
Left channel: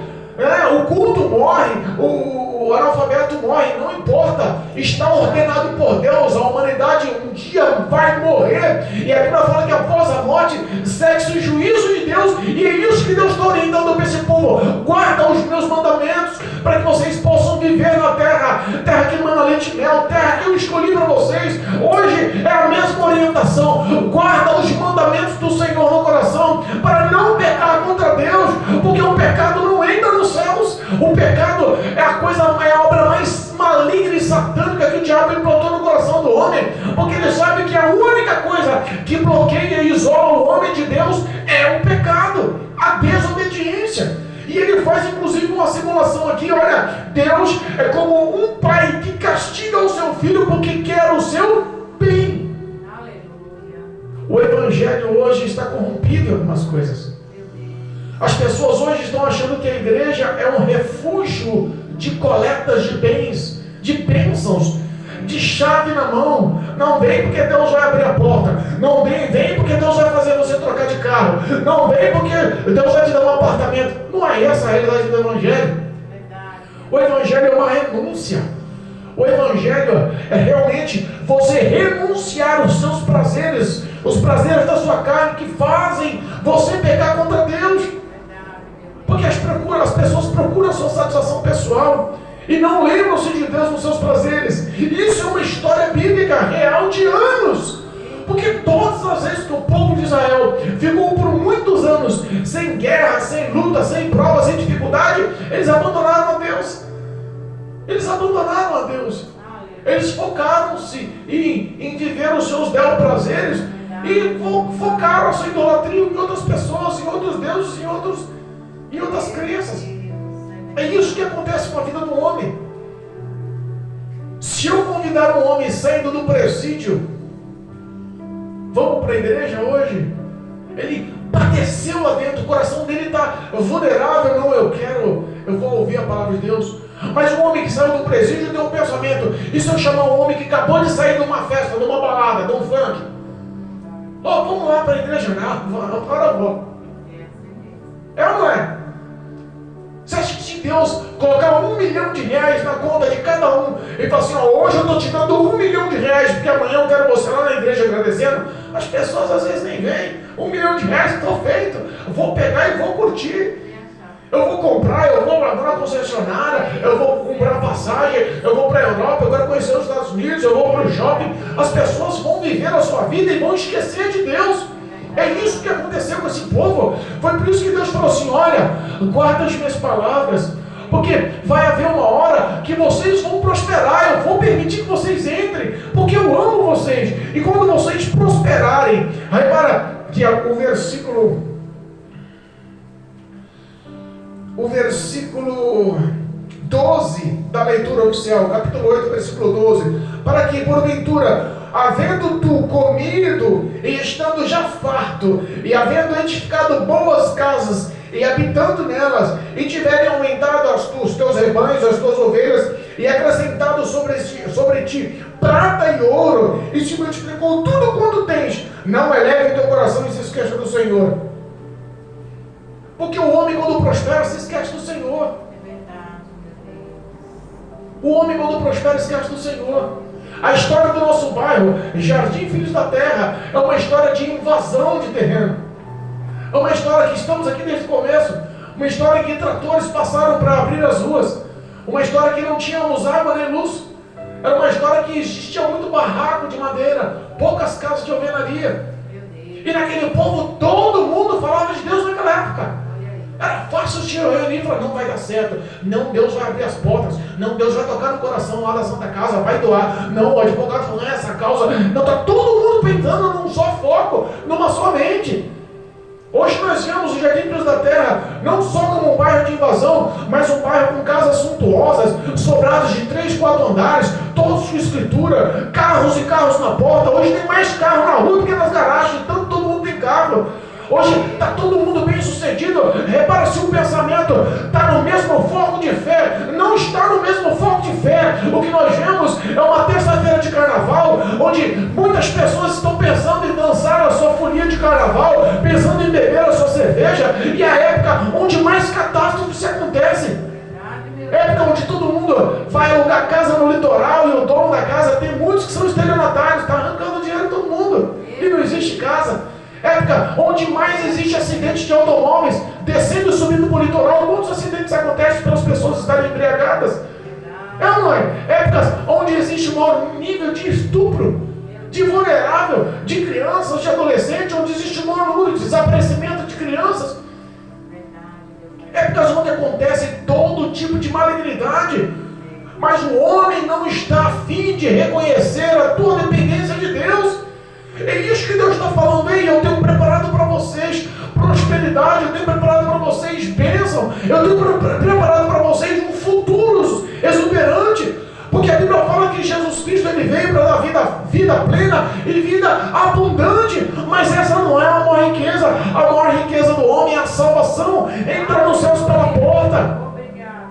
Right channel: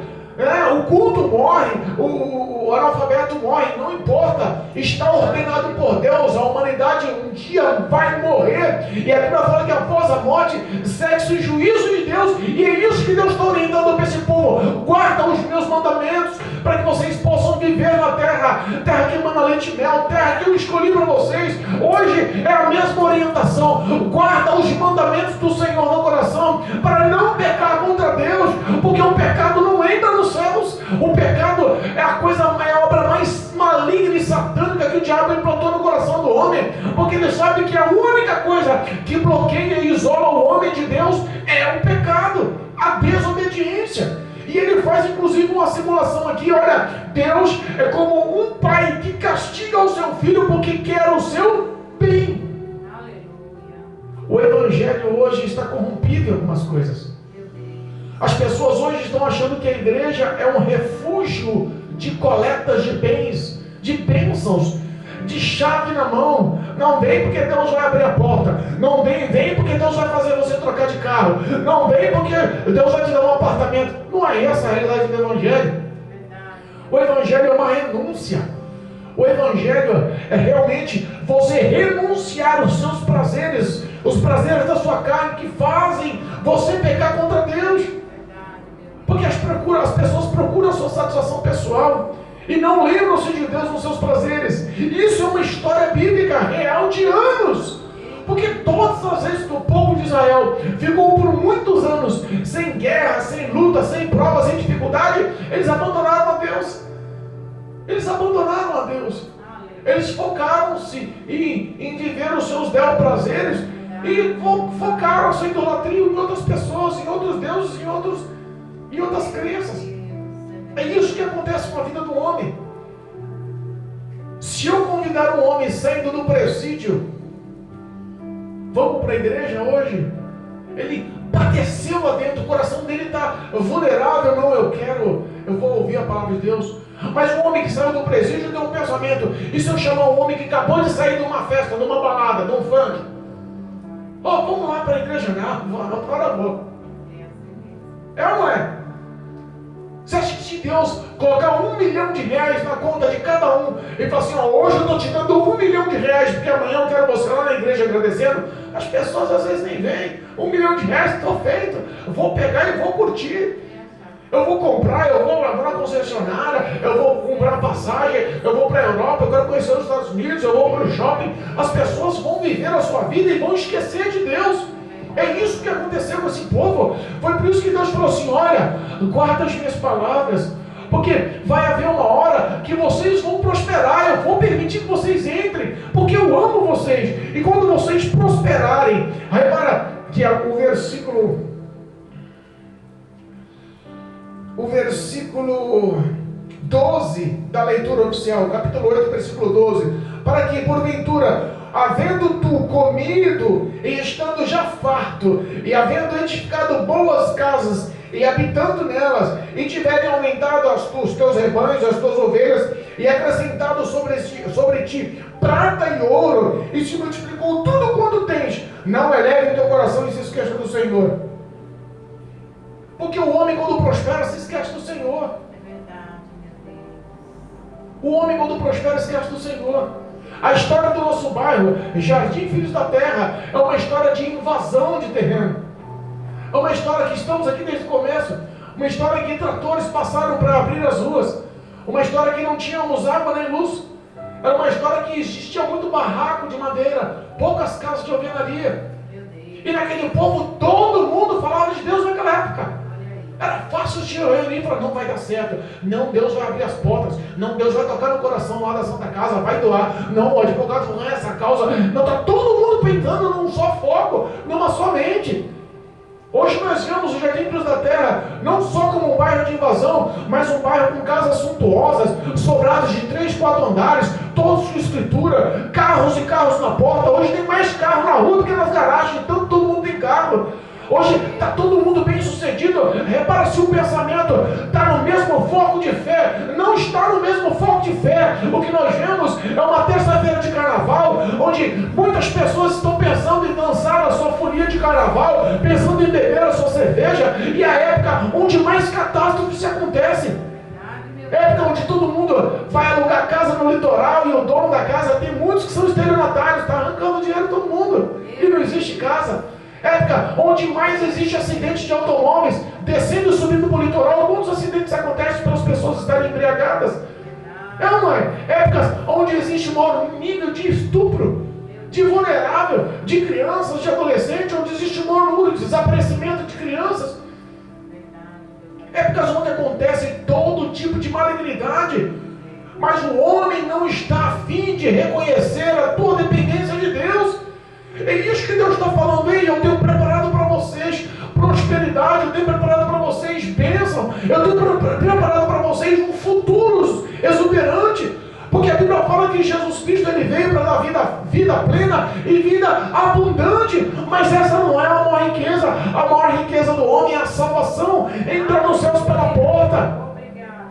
o culto morre, o analfabeto morre, não importa. Está ordenado por Deus, a humanidade um dia vai morrer. E a Bíblia fala que após a morte segue-se o juízo de Deus. E é isso que Deus está orientando para esse povo. Guarda os meus mandamentos, para que vocês possam viver na terra, terra que emana leite e mel, terra que eu escolhi para vocês. Hoje é a mesma orientação. Guarda os mandamentos do Senhor no coração, para não pecar contra Deus, porque o pecado não entra nos céus. O pecado é a obra mais maligna e satânica que o diabo implantou no coração do homem, porque ele sabe que a única coisa que bloqueia e isola o homem de Deus é o pecado, a desobediência. E ele faz inclusive uma simulação aqui. Olha, Deus é como um pai que castiga o seu filho porque quer o seu bem. Aleluia. O evangelho hoje está corrompido em algumas coisas. As pessoas hoje estão achando que a igreja é um refúgio de coletas de bens, de bênçãos, de chave na mão. Não vem porque Deus vai abrir a porta. Não vem porque Deus vai fazer você trocar de carro. Não vem porque Deus vai te dar um apartamento. Não é essa a realidade do evangelho. O evangelho é uma renúncia. O evangelho é realmente você renunciar os seus prazeres, os prazeres da sua carne que fazem você pecar contra Deus. Porque as pessoas procuram a sua satisfação pessoal e não lembram-se de Deus nos seus prazeres. Isso é uma história bíblica real de anos. Porque todas as vezes que o povo de Israel ficou por muitos anos sem guerra, sem luta, sem prova, sem dificuldade, eles abandonaram a Deus. Eles abandonaram a Deus. Eles focaram-se em viver os seus bel prazeres e focaram a sua idolatria em outras pessoas, em outros deuses, em outras crenças. É isso que acontece com a vida do homem. Se eu convidar um homem saindo do presídio, vamos para a igreja hoje, ele padeceu lá dentro, o coração dele está vulnerável. Não, eu vou ouvir a palavra de Deus. Mas o homem que saiu do presídio tem um pensamento: e se eu chamar um homem que acabou de sair de uma festa, de uma balada, de um funk? Vamos lá para a igreja? Não, para vou. É ou não é? Você acha que se Deus colocar R$1 milhão na conta de cada um e falar assim, hoje eu estou te dando R$1 milhão, porque amanhã eu quero você lá na igreja agradecendo, as pessoas às vezes nem vêm. R$1 milhão, estou feito, eu vou pegar e vou curtir. Eu vou comprar, eu vou lá na concessionária, eu vou comprar passagem, eu vou para a Europa, eu quero conhecer os Estados Unidos, eu vou para o shopping. As pessoas vão viver a sua vida e vão esquecer de Deus. É isso que aconteceu com esse povo. Foi por isso que Deus falou assim, olha, guarda as minhas palavras, porque vai haver uma hora que vocês vão prosperar, eu vou permitir que vocês entrem, porque eu amo vocês. E quando vocês prosperarem, repara que o versículo 12 da leitura oficial, capítulo 8, versículo 12, para que porventura, havendo tu comido e estando já farto, e havendo edificado boas casas e habitando nelas, e tiverem aumentado os teus rebanhos, as tuas ovelhas, e acrescentado sobre ti prata e ouro, e se multiplicou tudo quanto tens, Não eleve teu coração e se esqueça do Senhor. Porque o homem, quando prospera, se esquece do Senhor. É verdade, meu Deus. O homem, quando prospera, se esquece do Senhor. A história do nosso bairro, Jardim Filhos da Terra, é uma história de invasão de terreno. É uma história que estamos aqui desde o começo. Uma história que tratores passaram para abrir as ruas. Uma história que não tínhamos água nem luz. Era uma história que existia muito barraco de madeira, poucas casas de alvenaria. Meu Deus. E naquele povo todo mundo falava de Deus naquela época. Olha aí. Era fácil se reunir e falar, não vai dar certo, não, Deus vai abrir as portas, não, Deus vai tocar no coração lá da Santa Casa, vai doar, não, o advogado falou, essa causa, não, está todo mundo pensando num só foco, numa só mente. Hoje nós vemos o Jardim Filhos da Terra não só como um bairro de invasão, mas um bairro com casas suntuosas, sobrados de 3, 4 andares, todos com escritura, carros e carros na porta. Hoje tem mais carro na rua do que nas garagens, tanto todo mundo tem carro. Hoje está todo mundo bem sucedido. Repara se o pensamento está no mesmo foco de fé. Não está no mesmo foco de fé. O que nós vemos é uma terça-feira de carnaval, onde muitas pessoas estão pensando em dançar a sua folia de carnaval, pensando em beber a sua cerveja, e é a época onde mais catástrofes acontecem. Verdade, meu Deus. Época onde todo mundo vai alugar casa no litoral e o dono da casa, tem muitos que são estelionatários, está arrancando dinheiro de todo mundo e não existe casa. Época onde mais existe acidente de automóveis, descendo e subindo para o litoral. Muitos acidentes acontecem pelas pessoas estarem embriagadas. É ou não é? Épocas onde existe um maior nível de estupro, de vulnerável, de crianças, de adolescentes, onde existe um maior número de desaparecimento de crianças. Épocas onde acontece todo tipo de malignidade. Mas o homem não está a fim de reconhecer a tua dependência de Deus. É isso que Deus está falando aí. Eu tenho preparado para vocês prosperidade, eu tenho preparado para vocês bênção, eu tenho preparado para vocês um futuro exuberante. Porque a Bíblia fala que Jesus Cristo ele veio para dar vida plena e vida abundante. Mas essa não é a maior riqueza. A maior riqueza do homem é a salvação, entrar nos céus pela porta. Obrigada,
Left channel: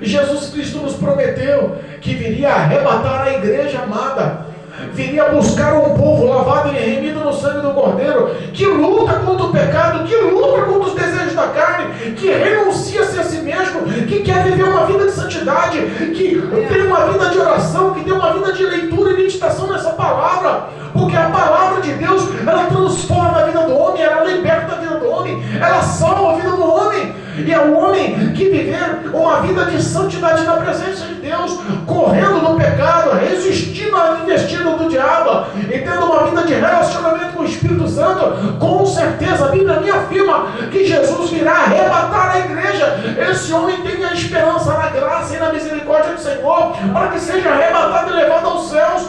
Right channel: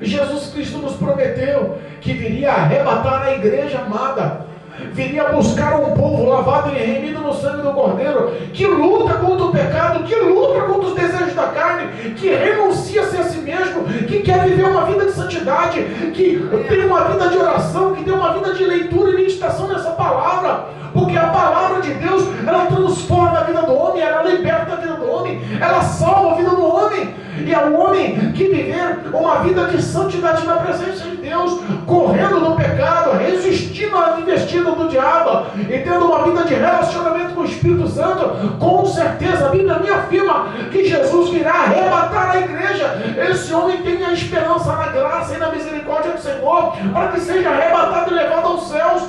Jesus Cristo nos prometeu que viria arrebatar a igreja amada, viria buscar um povo lavado e remido no sangue do Cordeiro, que luta contra o pecado, que luta contra os desejos da carne, que renuncia-se a si mesmo, que quer viver uma vida de santidade, que tem uma vida de oração, que tem uma vida de leitura e meditação nessa palavra, porque a palavra de Deus, ela transforma a vida do homem, ela liberta a vida do homem, ela salva a vida do homem. E é o homem que viver uma vida de santidade na presença de Deus, correndo do pecado, resistindo à investida do diabo e tendo uma vida de relacionamento com o Espírito Santo. Com certeza a Bíblia me afirma que Jesus virá arrebatar a igreja. Esse homem tem a esperança na graça e na misericórdia do Senhor para que seja arrebatado e levado aos céus.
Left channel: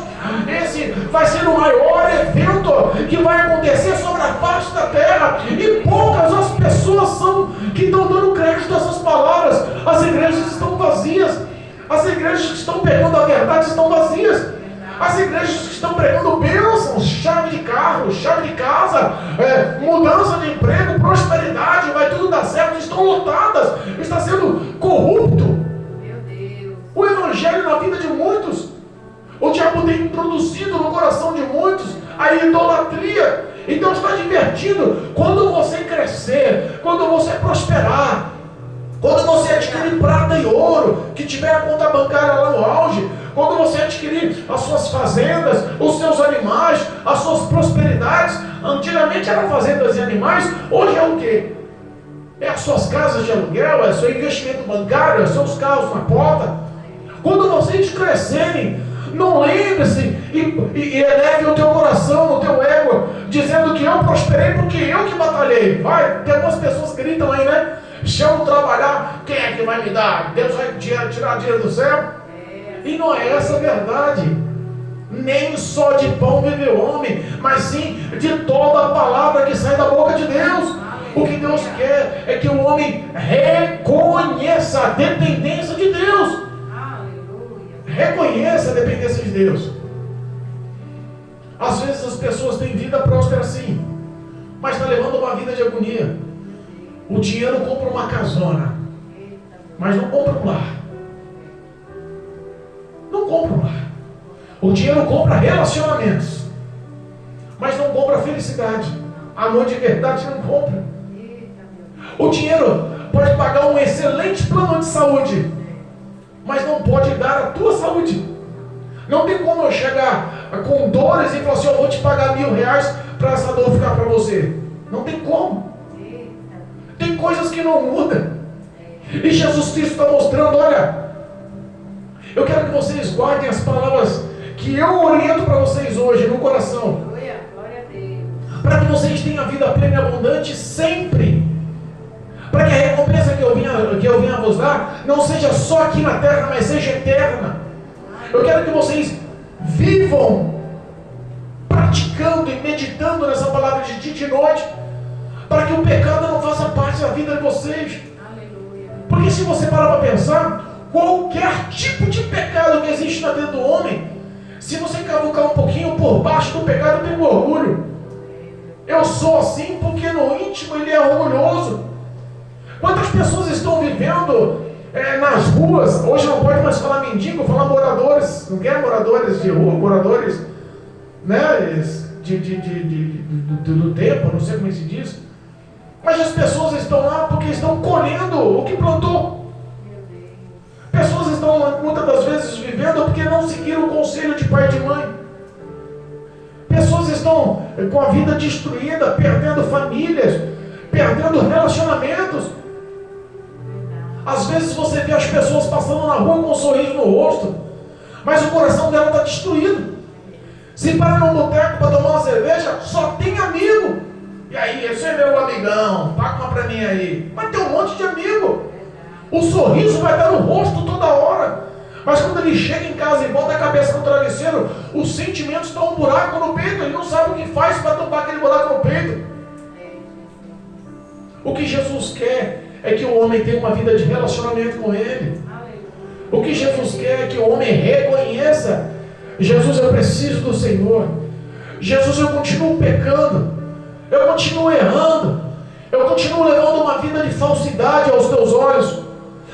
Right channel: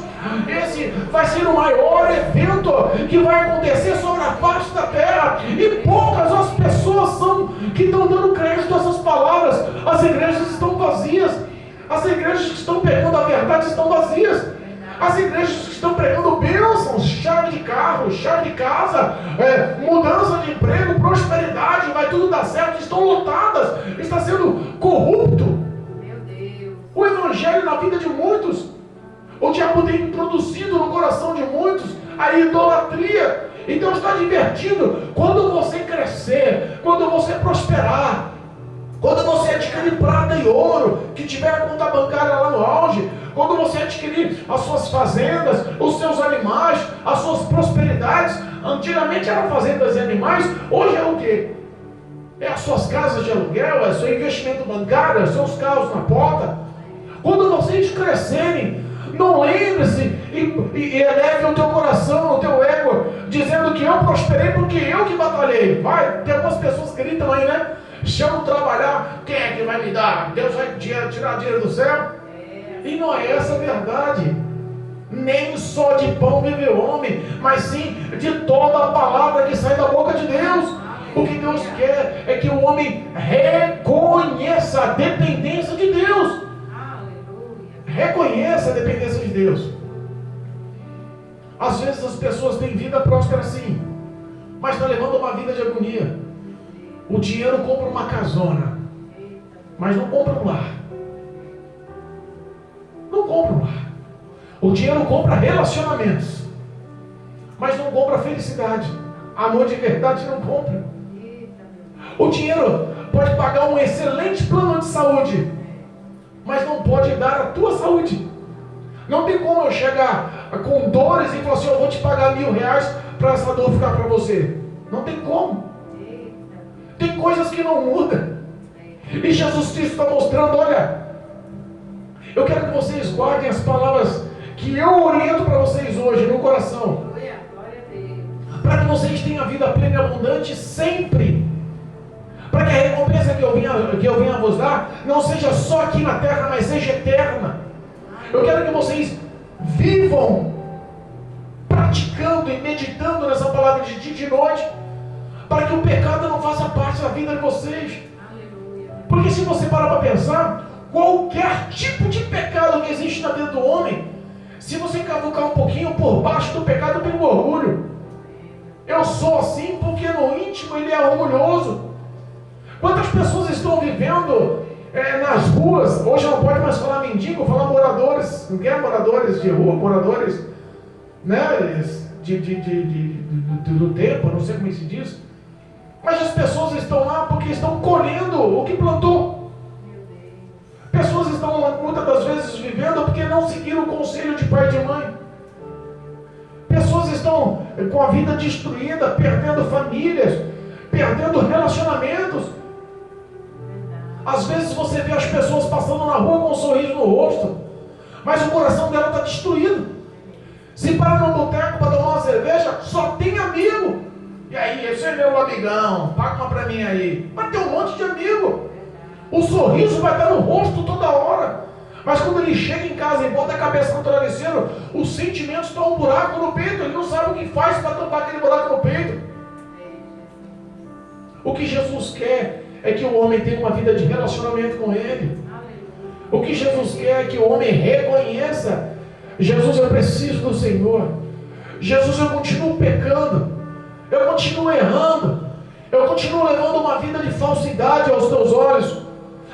Esse vai ser o maior evento que vai acontecer sobre a face da terra, e poucas as pessoas são que estão dando crédito a essas palavras. As igrejas estão vazias, as igrejas que estão pregando a verdade estão vazias, as igrejas que estão pregando bênçãos, chave de carro, chave de casa, mudança de emprego, prosperidade, vai tudo dar certo, estão lotadas, está sendo corrupto Meu Deus. o evangelho na vida de muitos. O diabo tem introduzido no coração de muitos a idolatria. E Deus está advertindo: quando você crescer, quando você prosperar, quando você adquirir prata e ouro, que tiver a conta bancária lá no auge, quando você adquirir as suas fazendas, os seus animais, as suas prosperidades, antigamente eram fazendas e animais, hoje é o quê? É as suas casas de aluguel, é o seu investimento bancário, é os seus carros na porta. Quando vocês crescerem, não lembre-se e eleve o teu coração, o teu ego, dizendo que eu prosperei porque eu que batalhei. Vai, tem algumas pessoas que gritam aí, né? Se eu não trabalhar, quem é que vai me dar? Deus vai tirar dinheiro do céu? E não é essa a verdade. Nem só de pão vive o homem, mas sim de toda a palavra que sai da boca de Deus. O que Deus quer é que o homem reconheça a dependência de Deus. Reconheça a dependência de Deus. Às vezes as pessoas têm vida próspera sim, mas está levando uma vida de agonia. O dinheiro compra uma casona, mas não compra um lar. Não compra um lar. O dinheiro compra relacionamentos, felicidade. Amor de verdade não compra. Eita, O dinheiro pode pagar um excelente plano de saúde, mas não pode dar a tua saúde. Não tem como eu chegar com dores e falar assim, eu vou te pagar R$1.000 para essa dor ficar para você. Não tem como. Tem coisas que não mudam. E Jesus Cristo está mostrando, olha, eu quero que vocês guardem as palavras que eu oriento para vocês hoje no coração, Aleluia, glória a Deus. para que vocês tenham a vida plena e abundante sempre. Para que a recompensa que eu venha vos dar não seja só aqui na terra, mas seja eterna. Eu quero que vocês vivam praticando e meditando nessa palavra de dia e de noite, para que o pecado não faça parte da vida de vocês. Aleluia. Porque se você parar para pensar, qualquer tipo de pecado que existe na vida do homem, se você cavucar um pouquinho por baixo do pecado, tem orgulho. Eu sou assim porque no íntimo ele é orgulhoso. Quantas pessoas estão vivendo nas ruas? Hoje não pode mais falar mendigo, falar moradores. Não quer moradores de rua, moradores, né, do tempo, não sei como se diz. Mas as pessoas estão lá porque estão colhendo o que plantou. Meu Deus. Pessoas estão muitas das vezes vivendo porque não seguiram o conselho de pai e de mãe. Pessoas estão com a vida destruída, perdendo famílias, perdendo relacionamentos. Às vezes você vê as pessoas passando na rua com um sorriso no rosto, mas o coração dela está destruído. Se para num boteco para tomar uma cerveja, só tem amigo. E aí, esse é meu amigão, paga uma para mim aí. Mas tem um monte de amigo. O sorriso vai estar no rosto toda hora. Mas quando ele chega em casa e bota a cabeça no travesseiro, os sentimentos estão um buraco no peito. Ele não sabe o que faz para tampar aquele buraco no peito. O que Jesus quer é que o homem tenha uma vida de relacionamento com Ele. O que Jesus quer é que o homem reconheça: Jesus, eu preciso do Senhor. Jesus, eu continuo pecando, eu continuo errando, eu continuo levando uma vida de falsidade aos teus olhos.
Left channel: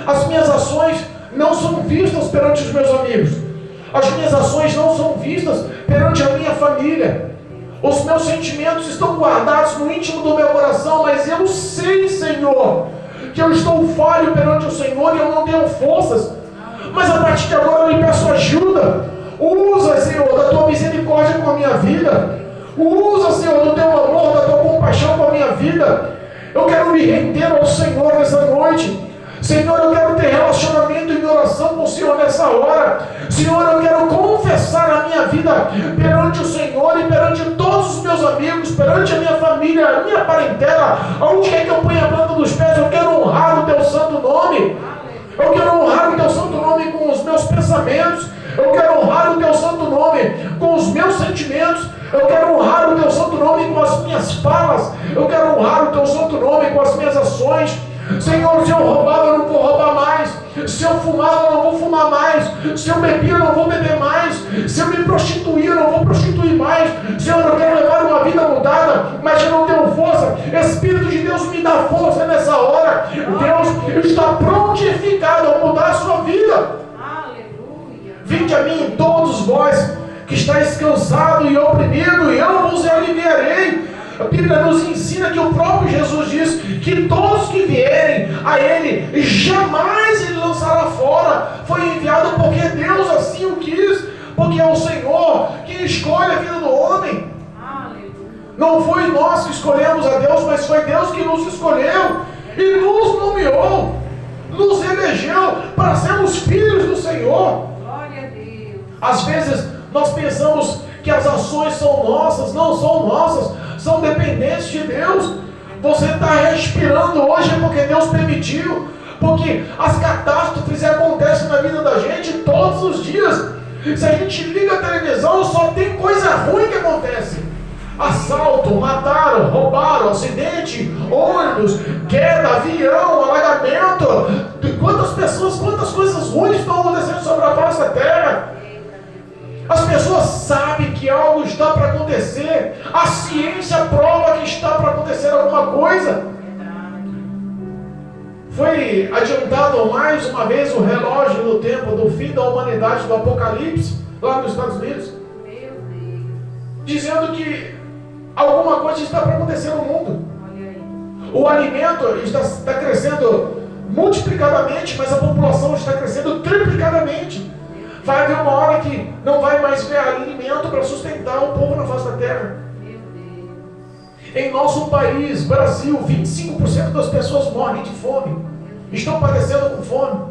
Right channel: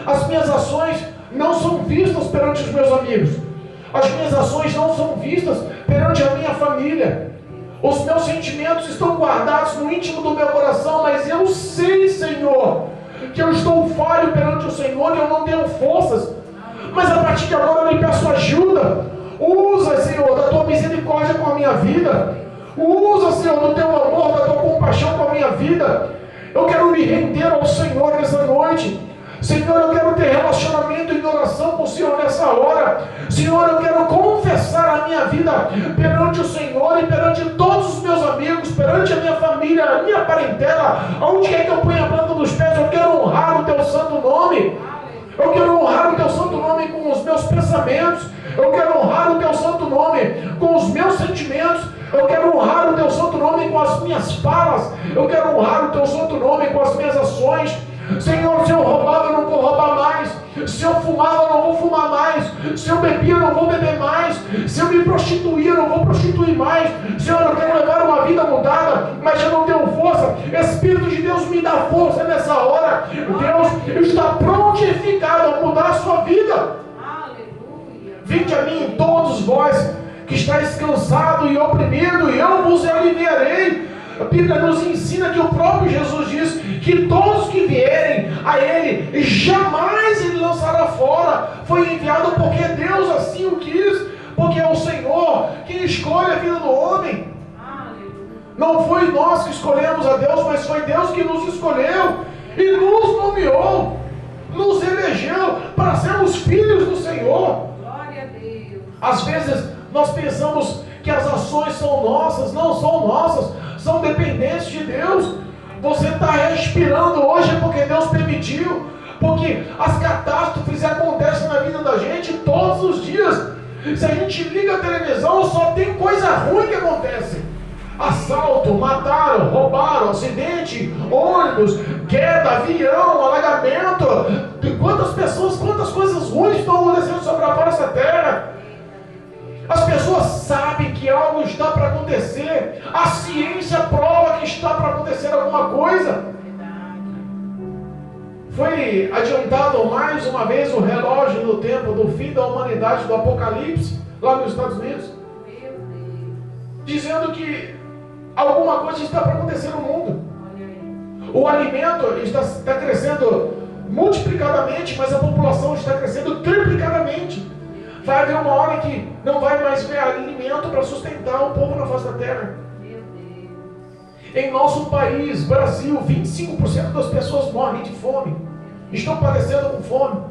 As minhas ações não são vistas perante os meus amigos, as minhas ações não são vistas perante a minha família. Os meus sentimentos estão guardados no íntimo do meu coração, mas eu sei, Senhor, que eu estou falho perante o Senhor e eu não tenho forças. Mas a partir de agora eu lhe peço ajuda. Usa, Senhor, da tua misericórdia com a minha vida. Usa, Senhor, do teu amor, da tua compaixão com a minha vida. Eu quero me render ao Senhor nessa noite. Senhor, eu quero ter relacionamento e oração com o Senhor nessa hora. Senhor, eu quero confessar a minha vida perante o Senhor e perante todos os meus amigos, perante a minha família, a minha parentela. Aonde quer que eu ponha a planta dos pés, eu quero honrar o teu santo nome. Eu quero honrar o teu santo nome com os meus pensamentos. Eu quero honrar o teu santo nome com os meus sentimentos. Eu quero honrar o teu santo nome com as minhas falas. Eu quero honrar o teu santo nome com as minhas ações. Senhor, se eu roubava, eu não vou roubar mais. Se eu fumava, eu não vou fumar mais. Se eu bebia, eu não vou beber mais. Se eu me prostituía, eu não vou prostituir mais. Senhor, eu quero levar uma vida mudada, mas eu não tenho força. Espírito de Deus, me dá força nessa hora. Deus está prontificado a mudar a sua vida. Aleluia. Vinde a mim todos vós que estáis cansados e oprimidos, e eu vos aliviarei. A Bíblia nos ensina que o próprio Jesus diz que todos que vierem a Ele, jamais Ele lançará fora. Foi enviado porque Deus assim o quis, porque é o Senhor que escolhe a vida do homem. Aleluia. Não foi nós que escolhemos a Deus, mas foi Deus que nos escolheu e nos nomeou, nos elegeu para sermos filhos do Senhor. Glória a Deus. Às vezes nós pensamos que as ações são nossas, não são nossas, são dependentes de Deus. Você está respirando hoje porque Deus permitiu, porque as catástrofes acontecem na vida da gente todos os dias. Se a gente liga a televisão, só tem coisa ruim que acontece: assalto, mataram, roubaram, acidente, ônibus, queda, avião, alagamento. Quantas pessoas, quantas coisas ruins estão acontecendo sobre a face da terra. As pessoas sabem que algo está para acontecer. A ciência prova que está para acontecer alguma coisa. Foi adiantado mais uma vez o relógio do tempo do fim da humanidade, do Apocalipse, lá nos Estados Unidos, Meu Deus. dizendo que Alguma coisa está para acontecer no mundo. O alimento está crescendo multiplicadamente, mas a população está crescendo triplicadamente. Vai haver uma hora que não vai mais ver alimento para sustentar o povo na face da terra. Em nosso país, Brasil, 25% das pessoas morrem de fome. Estão padecendo com fome.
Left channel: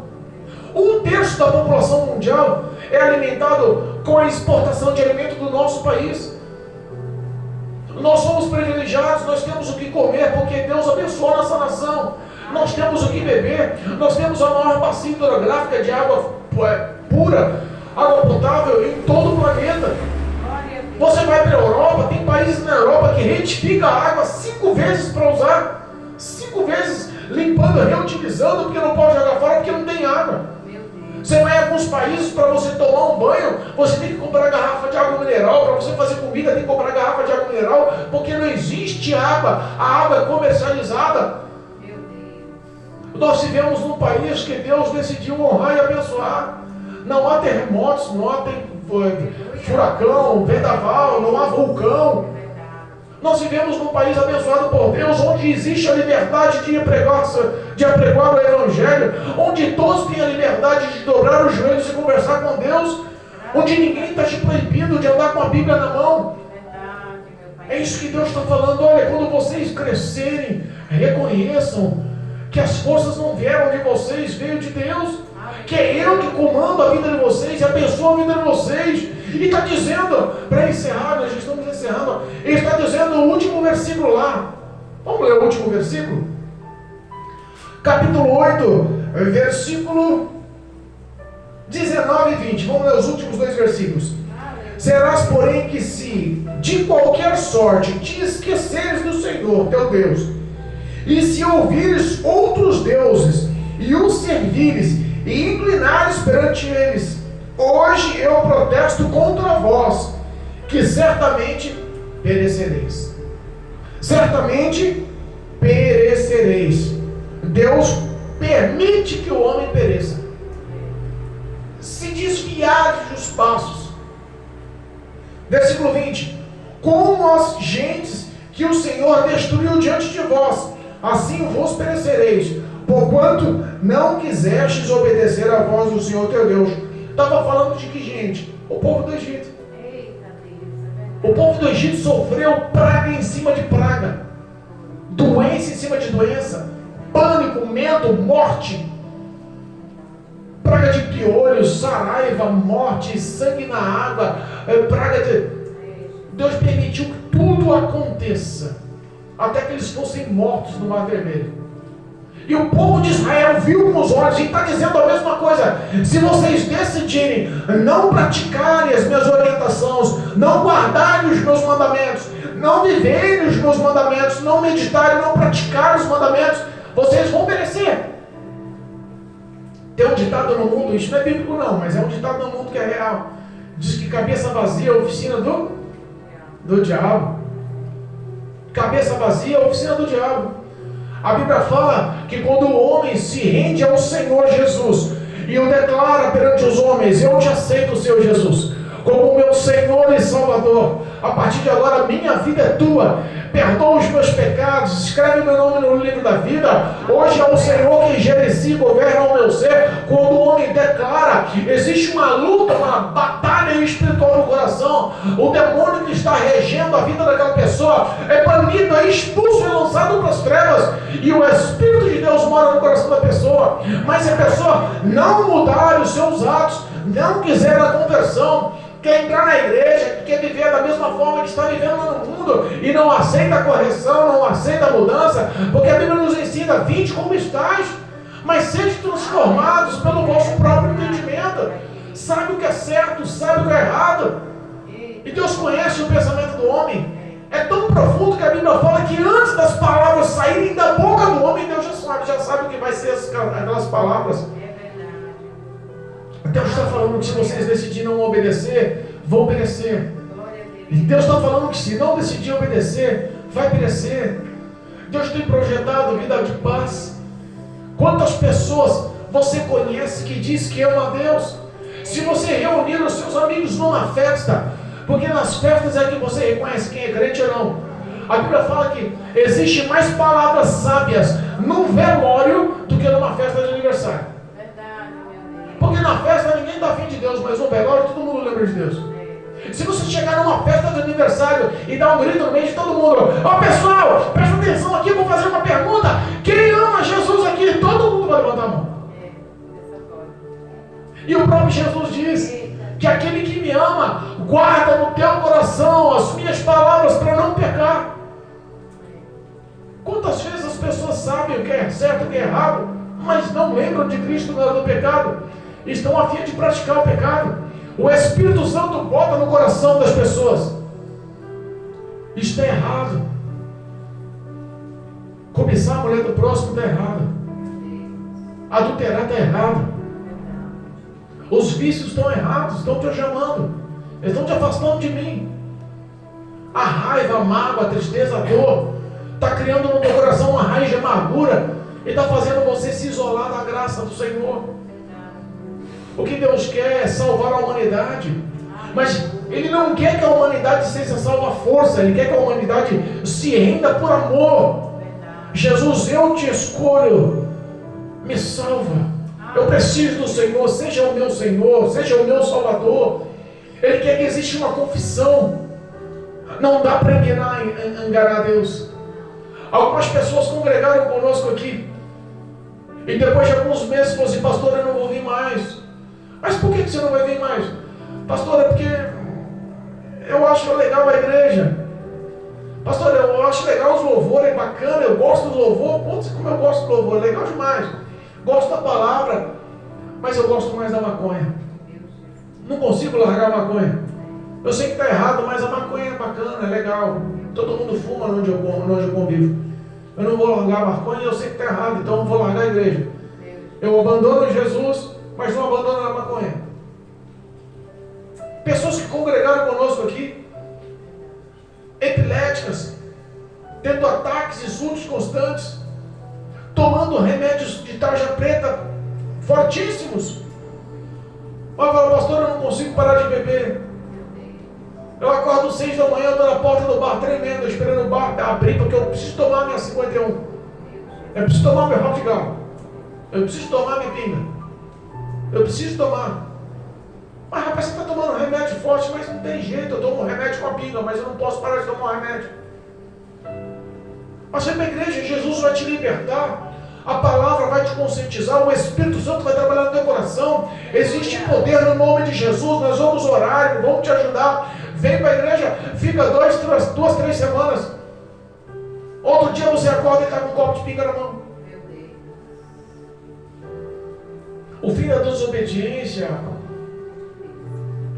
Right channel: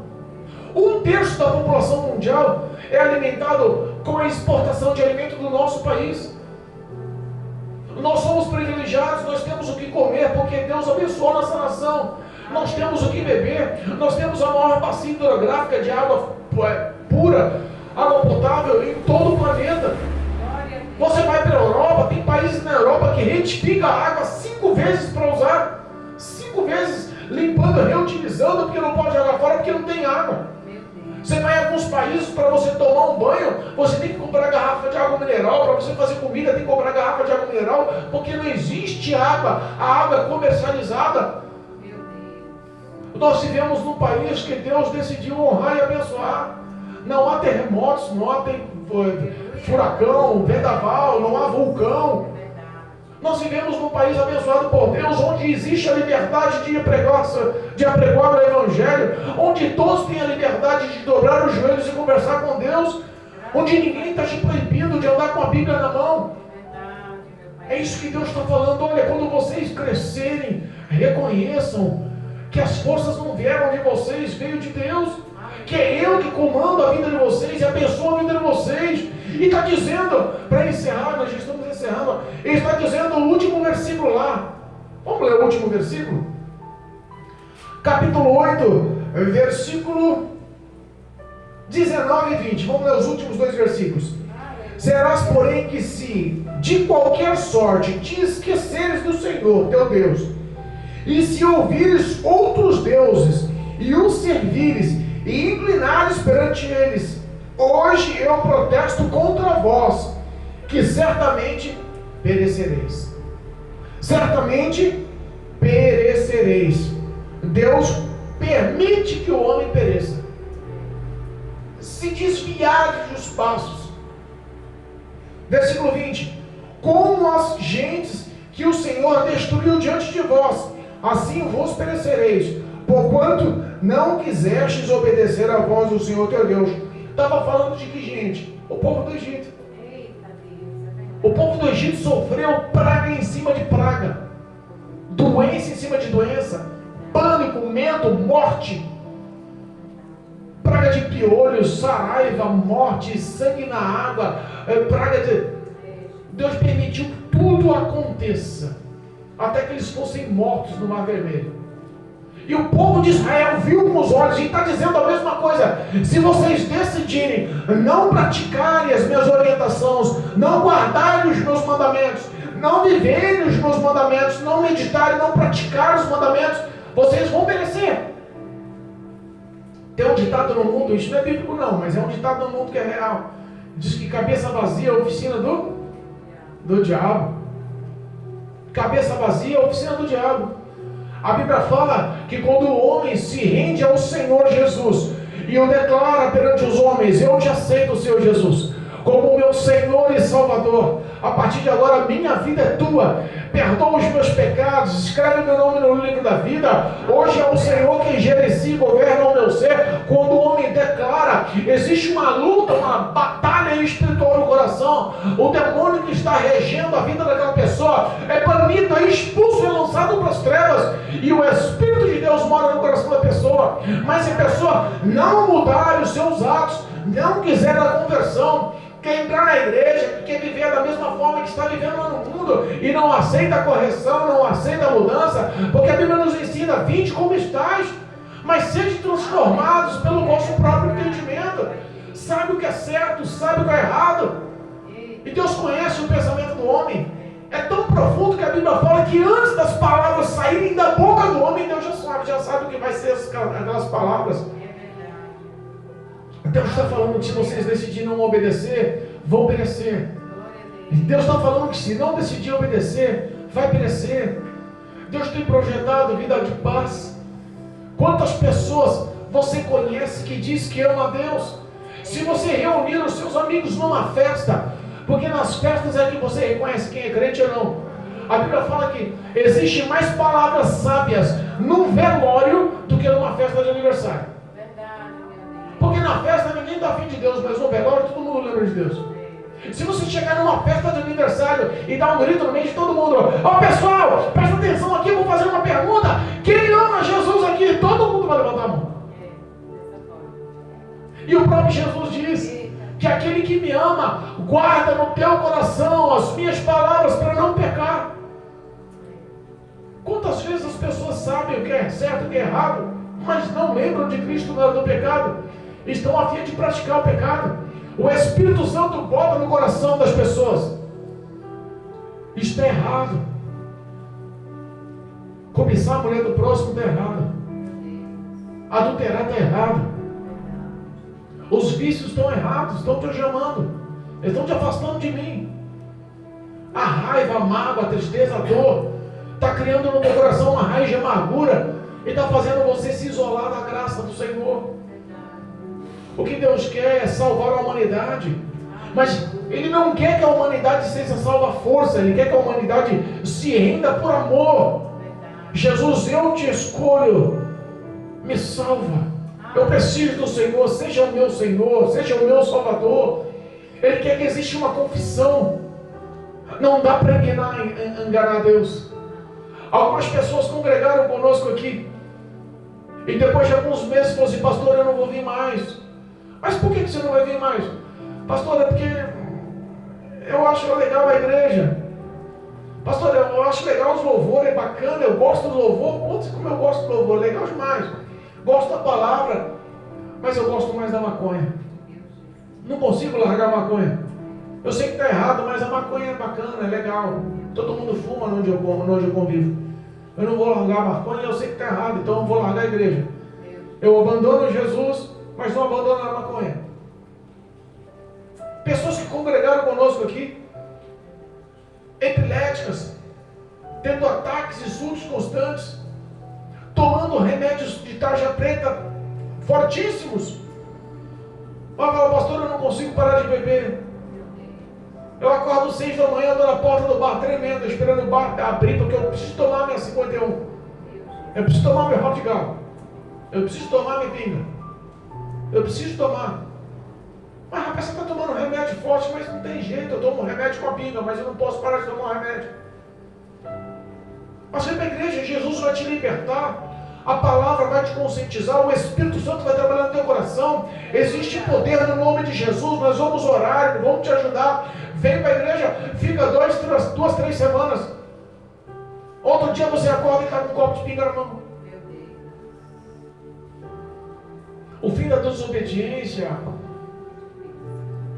1/3 da população mundial é alimentado com a exportação de alimento do nosso país. Nós somos privilegiados, nós temos o que comer, porque Deus abençoou nossa nação. Nós temos o que beber, nós temos a maior bacia hidrográfica de água pura, água potável em todo o planeta. Você vai para a Europa, tem países na Europa que retifica a água 5 vezes para usar, 5 vezes limpando, reutilizando, porque não pode jogar fora, porque não tem água. Você vai em alguns países, para você tomar um banho, você tem que comprar garrafa de água mineral, para você fazer comida tem que comprar garrafa de água mineral, porque não existe água, a água é comercializada. Nós vivemos num país que Deus decidiu honrar e abençoar. Não há terremotos, não há furacão, vendaval, não há vulcão. Nós vivemos num país abençoado por Deus, onde existe a liberdade de apregoar o Evangelho, onde todos têm a liberdade de dobrar os joelhos e conversar com Deus, onde ninguém está te proibindo de andar com a Bíblia na mão. É isso que Deus está falando. Olha, quando vocês crescerem, reconheçam que as forças não vieram de vocês, veio de Deus, que é Eu que comando a vida de vocês e abençoo a vida de vocês. E está dizendo, para encerrar, nós já estamos encerrando, ele está dizendo o último versículo lá. Vamos ler o último versículo? Capítulo 8, versículo 19 e 20. Vamos ler os últimos 2 versículos. Serás, porém, que se de qualquer sorte te esqueceres do Senhor, teu Deus, e se ouvires outros deuses, e os servires, e inclinares perante eles, hoje eu protesto contra vós, que certamente perecereis. Certamente perecereis. Deus permite que o homem pereça. Se desviar dos passos. Versículo 20. Como as gentes que o Senhor destruiu diante de vós, assim vos perecereis, porquanto não quisestes obedecer à voz do Senhor teu Deus. Estava falando de que gente? O povo do Egito. O povo do Egito sofreu praga em cima de praga, doença em cima de doença, pânico, medo, morte, praga de piolhos, saraiva, morte, sangue na água, praga de... Deus permitiu que tudo aconteça, até que eles fossem mortos no Mar Vermelho. E o povo de Israel viu com os olhos, e está dizendo a mesma coisa. Se vocês decidirem não praticarem as minhas orientações, não guardarem os meus mandamentos, não viverem os meus mandamentos, não meditarem, não praticarem os mandamentos, vocês vão perecer. Tem um ditado no mundo, isso não é bíblico não, mas é um ditado no mundo que é real. Diz que cabeça vazia é a oficina do diabo. Cabeça vazia é a oficina do diabo. A Bíblia fala que quando o homem se rende ao Senhor Jesus e o declara perante os homens: eu te aceito, Senhor Jesus, como meu Senhor e Salvador, a partir de agora a minha vida é tua, perdoa os meus pecados, escreve meu nome no livro da vida, hoje é o Senhor que gerencia e governa o meu ser. Quando o homem declara, existe uma luta, uma batalha espiritual no coração. O demônio que está regendo a vida daquela pessoa é banido, é expulso e é lançado para as trevas, e o Espírito de Deus mora no coração da pessoa. Mas se a pessoa não mudar os seus atos, não quiser a conversão, quer entrar na igreja, quer viver da mesma forma que está vivendo lá no mundo, e não aceita a correção, não aceita a mudança, porque a Bíblia nos ensina: vinde como estáis, mas sede transformados pelo vosso próprio entendimento. Sabe o que é certo, sabe o que é errado. E Deus conhece o pensamento do homem. É tão profundo que a Bíblia fala que antes das palavras saírem da boca do homem, Deus já sabe o que vai ser aquelas palavras. Deus está falando que se vocês decidirem não obedecer, vão perecer. E Deus está falando que se não decidir obedecer, vai perecer. Deus tem projetado vida de paz. Quantas pessoas você conhece que diz que ama a Deus? Se você reunir os seus amigos numa festa, porque nas festas é que você reconhece quem é crente ou não. A Bíblia fala que existe mais palavras sábias num velório do que numa festa de aniversário. Verdade, meu Deus. Porque na festa ninguém está afim de Deus, mas no velório todo mundo lembra de Deus. Se você chegar numa festa de aniversário e dar um grito no meio de todo mundo: ó pessoal, presta atenção aqui, eu vou fazer uma pergunta. Quem ama Jesus aqui? Todo mundo vai levantar a mão. Dessa forma. E o próprio Jesus diz que aquele que me ama, guarda no teu coração as minhas palavras para não pecar. Quantas vezes as pessoas sabem o que é certo e o que é errado, mas não lembram de Cristo na hora do pecado, estão a fim de praticar o pecado. O Espírito Santo bota no coração das pessoas: está errado. Cobiçar a mulher do próximo está errado. Adulterar está errado. Os vícios estão errados, estão te algemando, eles estão te afastando de mim. A raiva, a mágoa, a tristeza, a dor está criando no teu coração uma raiz de amargura e está fazendo você se isolar da graça do Senhor. O que Deus quer é salvar a humanidade, mas Ele não quer que a humanidade seja salva à força, Ele quer que a humanidade se renda por amor. Jesus, eu te escolho, me salva. Eu preciso do Senhor, seja o meu Senhor, seja o meu Salvador. Ele quer que exista uma confissão. Não dá para enganar Deus. Algumas pessoas congregaram conosco aqui e depois de alguns meses falaram assim: pastor, eu não vou vir mais. Mas por que você não vai vir mais? Pastor, é porque eu acho legal a igreja. Pastor, eu acho legal os louvores, é bacana, eu gosto do louvor. Putz, como eu gosto do louvor, é legal demais. Gosto da palavra, mas eu gosto mais da maconha. Não consigo largar a maconha. Eu sei que está errado, mas a maconha é bacana, é legal. Todo mundo fuma onde eu convivo. Eu não vou largar a maconha, eu sei que está errado, então eu não vou largar a igreja. Eu abandono Jesus, mas não abandono a maconha. Pessoas que congregaram conosco aqui, epiléticas, tendo ataques e surtos constantes, tomando remédios de tarja preta fortíssimos. Mas fala: pastor, eu não consigo parar de beber. Eu acordo 6 da manhã, eu estou na porta do bar tremendo, estou esperando o bar abrir, porque eu preciso tomar minha 51. Eu preciso tomar meu hot gal. Eu preciso tomar minha pinga. Eu preciso tomar. Mas rapaz, você está tomando remédio forte, mas não tem jeito, eu tomo remédio com a pinga, mas eu não posso parar de tomar o remédio. Mas vem para a igreja, Jesus vai te libertar. A palavra vai te conscientizar, o Espírito Santo vai trabalhar no teu coração. Existe poder no nome de Jesus. Nós vamos orar, vamos te ajudar. Vem para a igreja, fica 2, 3 semanas. Outro dia você acorda e está com um copo de pinga na mão. O fim da desobediência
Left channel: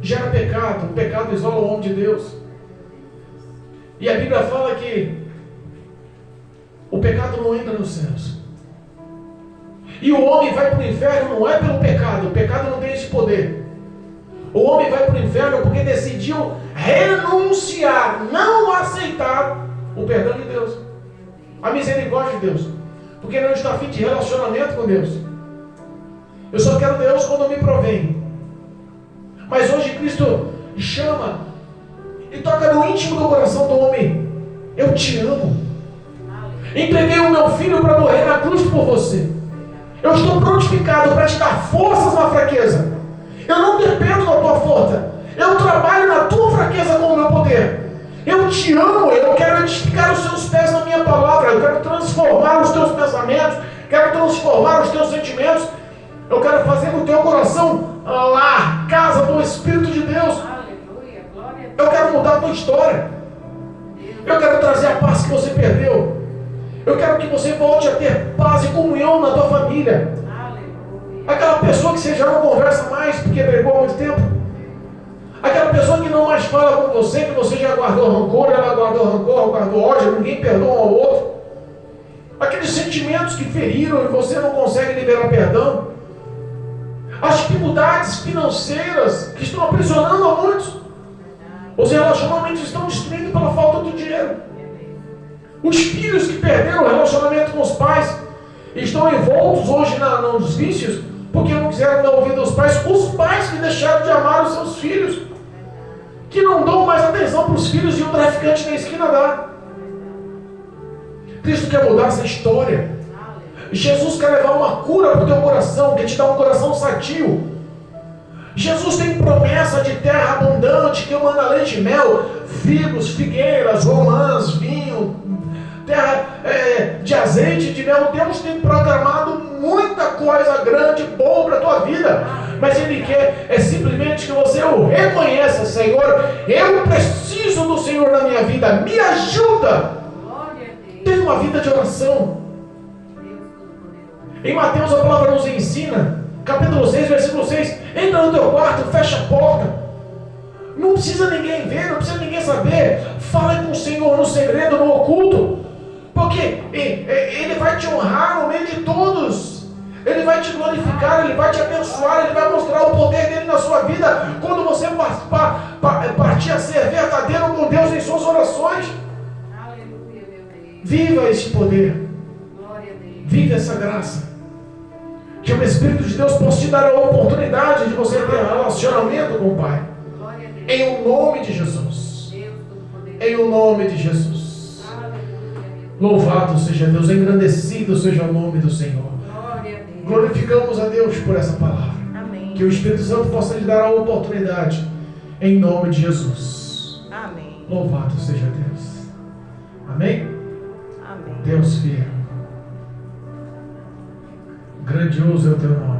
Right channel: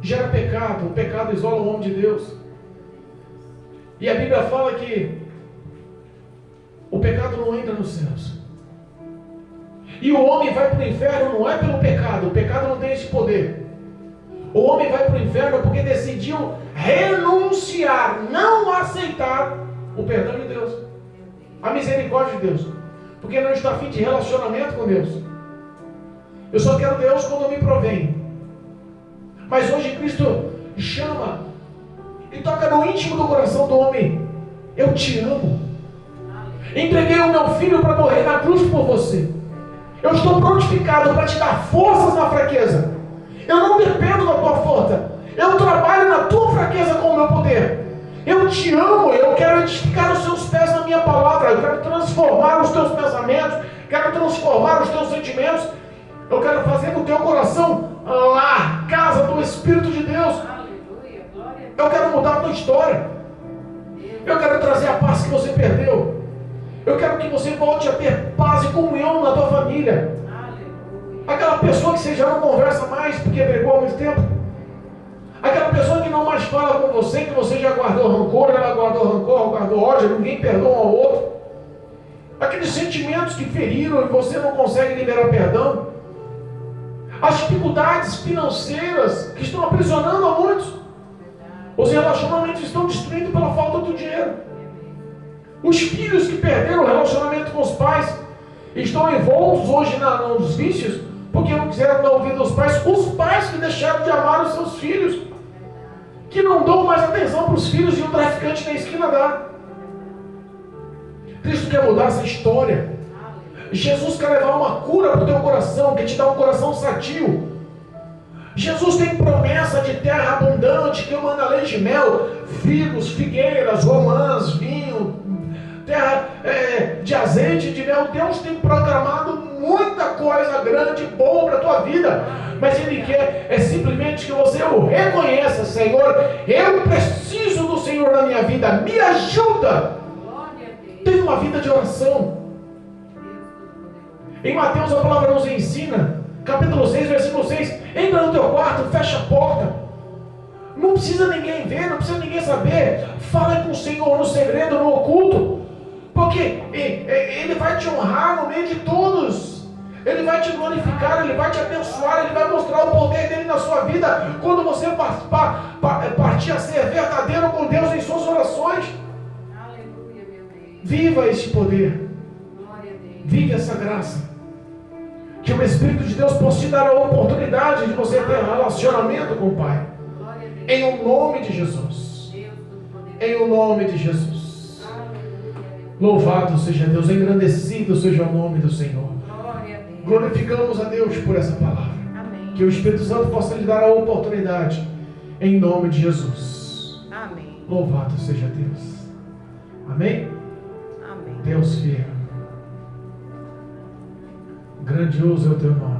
gera pecado. O pecado isola o homem de Deus. E a Bíblia fala que o pecado não entra nos céus. E o homem vai para o inferno não é pelo pecado. O pecado não tem esse poder. O homem vai para o inferno porque decidiu renunciar, não aceitar o perdão de Deus, a misericórdia de Deus, porque não está afim de relacionamento com Deus. Eu só quero Deus quando me provém. Mas hoje Cristo chama e toca no íntimo do coração do homem: eu te amo. Entreguei o meu filho para morrer na cruz por você. Eu estou prontificado para te dar forças na fraqueza. Eu não dependo da tua força. Eu trabalho na tua fraqueza com o meu poder. Eu te amo. Eu quero edificar os seus pés na minha palavra. Eu quero transformar os teus pensamentos. Quero transformar os teus sentimentos. Eu quero fazer do teu coração a casa do Espírito de Deus. Aleluia, glória a Deus. Eu quero mudar a tua história. Eu quero trazer a paz que você perdeu. Eu quero que você volte a ter paz e comunhão na tua família. Aleluia. Aquela pessoa que você já não conversa mais porque brigou há muito tempo. Aquela pessoa que não mais fala com você, que você já guardou rancor, ela guardou rancor, guardou ódio, ninguém perdoa um ao outro. Aqueles sentimentos que feriram e você não consegue liberar perdão. As dificuldades financeiras que estão aprisionando a muitos. Os relacionamentos estão destruindo pela falta do dinheiro. Os filhos que perderam o relacionamento com os pais estão envoltos hoje nos vícios porque não quiseram dar ouvido aos pais. Os pais que deixaram de amar os seus filhos, que não dão mais atenção para os filhos e o traficante na esquina dá. Cristo quer mudar essa história. Jesus quer levar uma cura para o teu coração, quer te dar um coração sadio. Jesus tem promessa de terra abundante, que manda leite e mel, figos, figueiras, romãs, vinho, terra de azeite e de mel. Deus tem programado muita coisa grande, boa para a tua vida, mas Ele quer simplesmente que você o reconheça. Senhor, eu preciso do Senhor na minha vida, me ajuda. Tenha uma vida de oração. Em Mateus a palavra nos ensina, capítulo 6, versículo 6, entra no teu quarto, fecha a porta, não precisa ninguém ver, não precisa ninguém saber, fala com o Senhor no segredo, no oculto, porque Ele vai te honrar no meio de todos, Ele vai te glorificar, Ele vai te abençoar, Ele vai mostrar o poder dEle na sua vida, quando você partir a ser verdadeiro com Deus em suas orações. Viva este poder, viva essa graça, que o Espírito de Deus possa te dar a oportunidade de você ter um relacionamento com o Pai, em o nome de Jesus, em o nome de Jesus. Louvado seja Deus, engrandecido seja o nome do Senhor. Glorificamos a Deus por essa palavra. Amém. Que o Espírito Santo possa lhe dar a oportunidade, em nome de Jesus. Amém. Louvado seja Deus. Amém? Amém. Deus fiel, grandioso é o teu nome.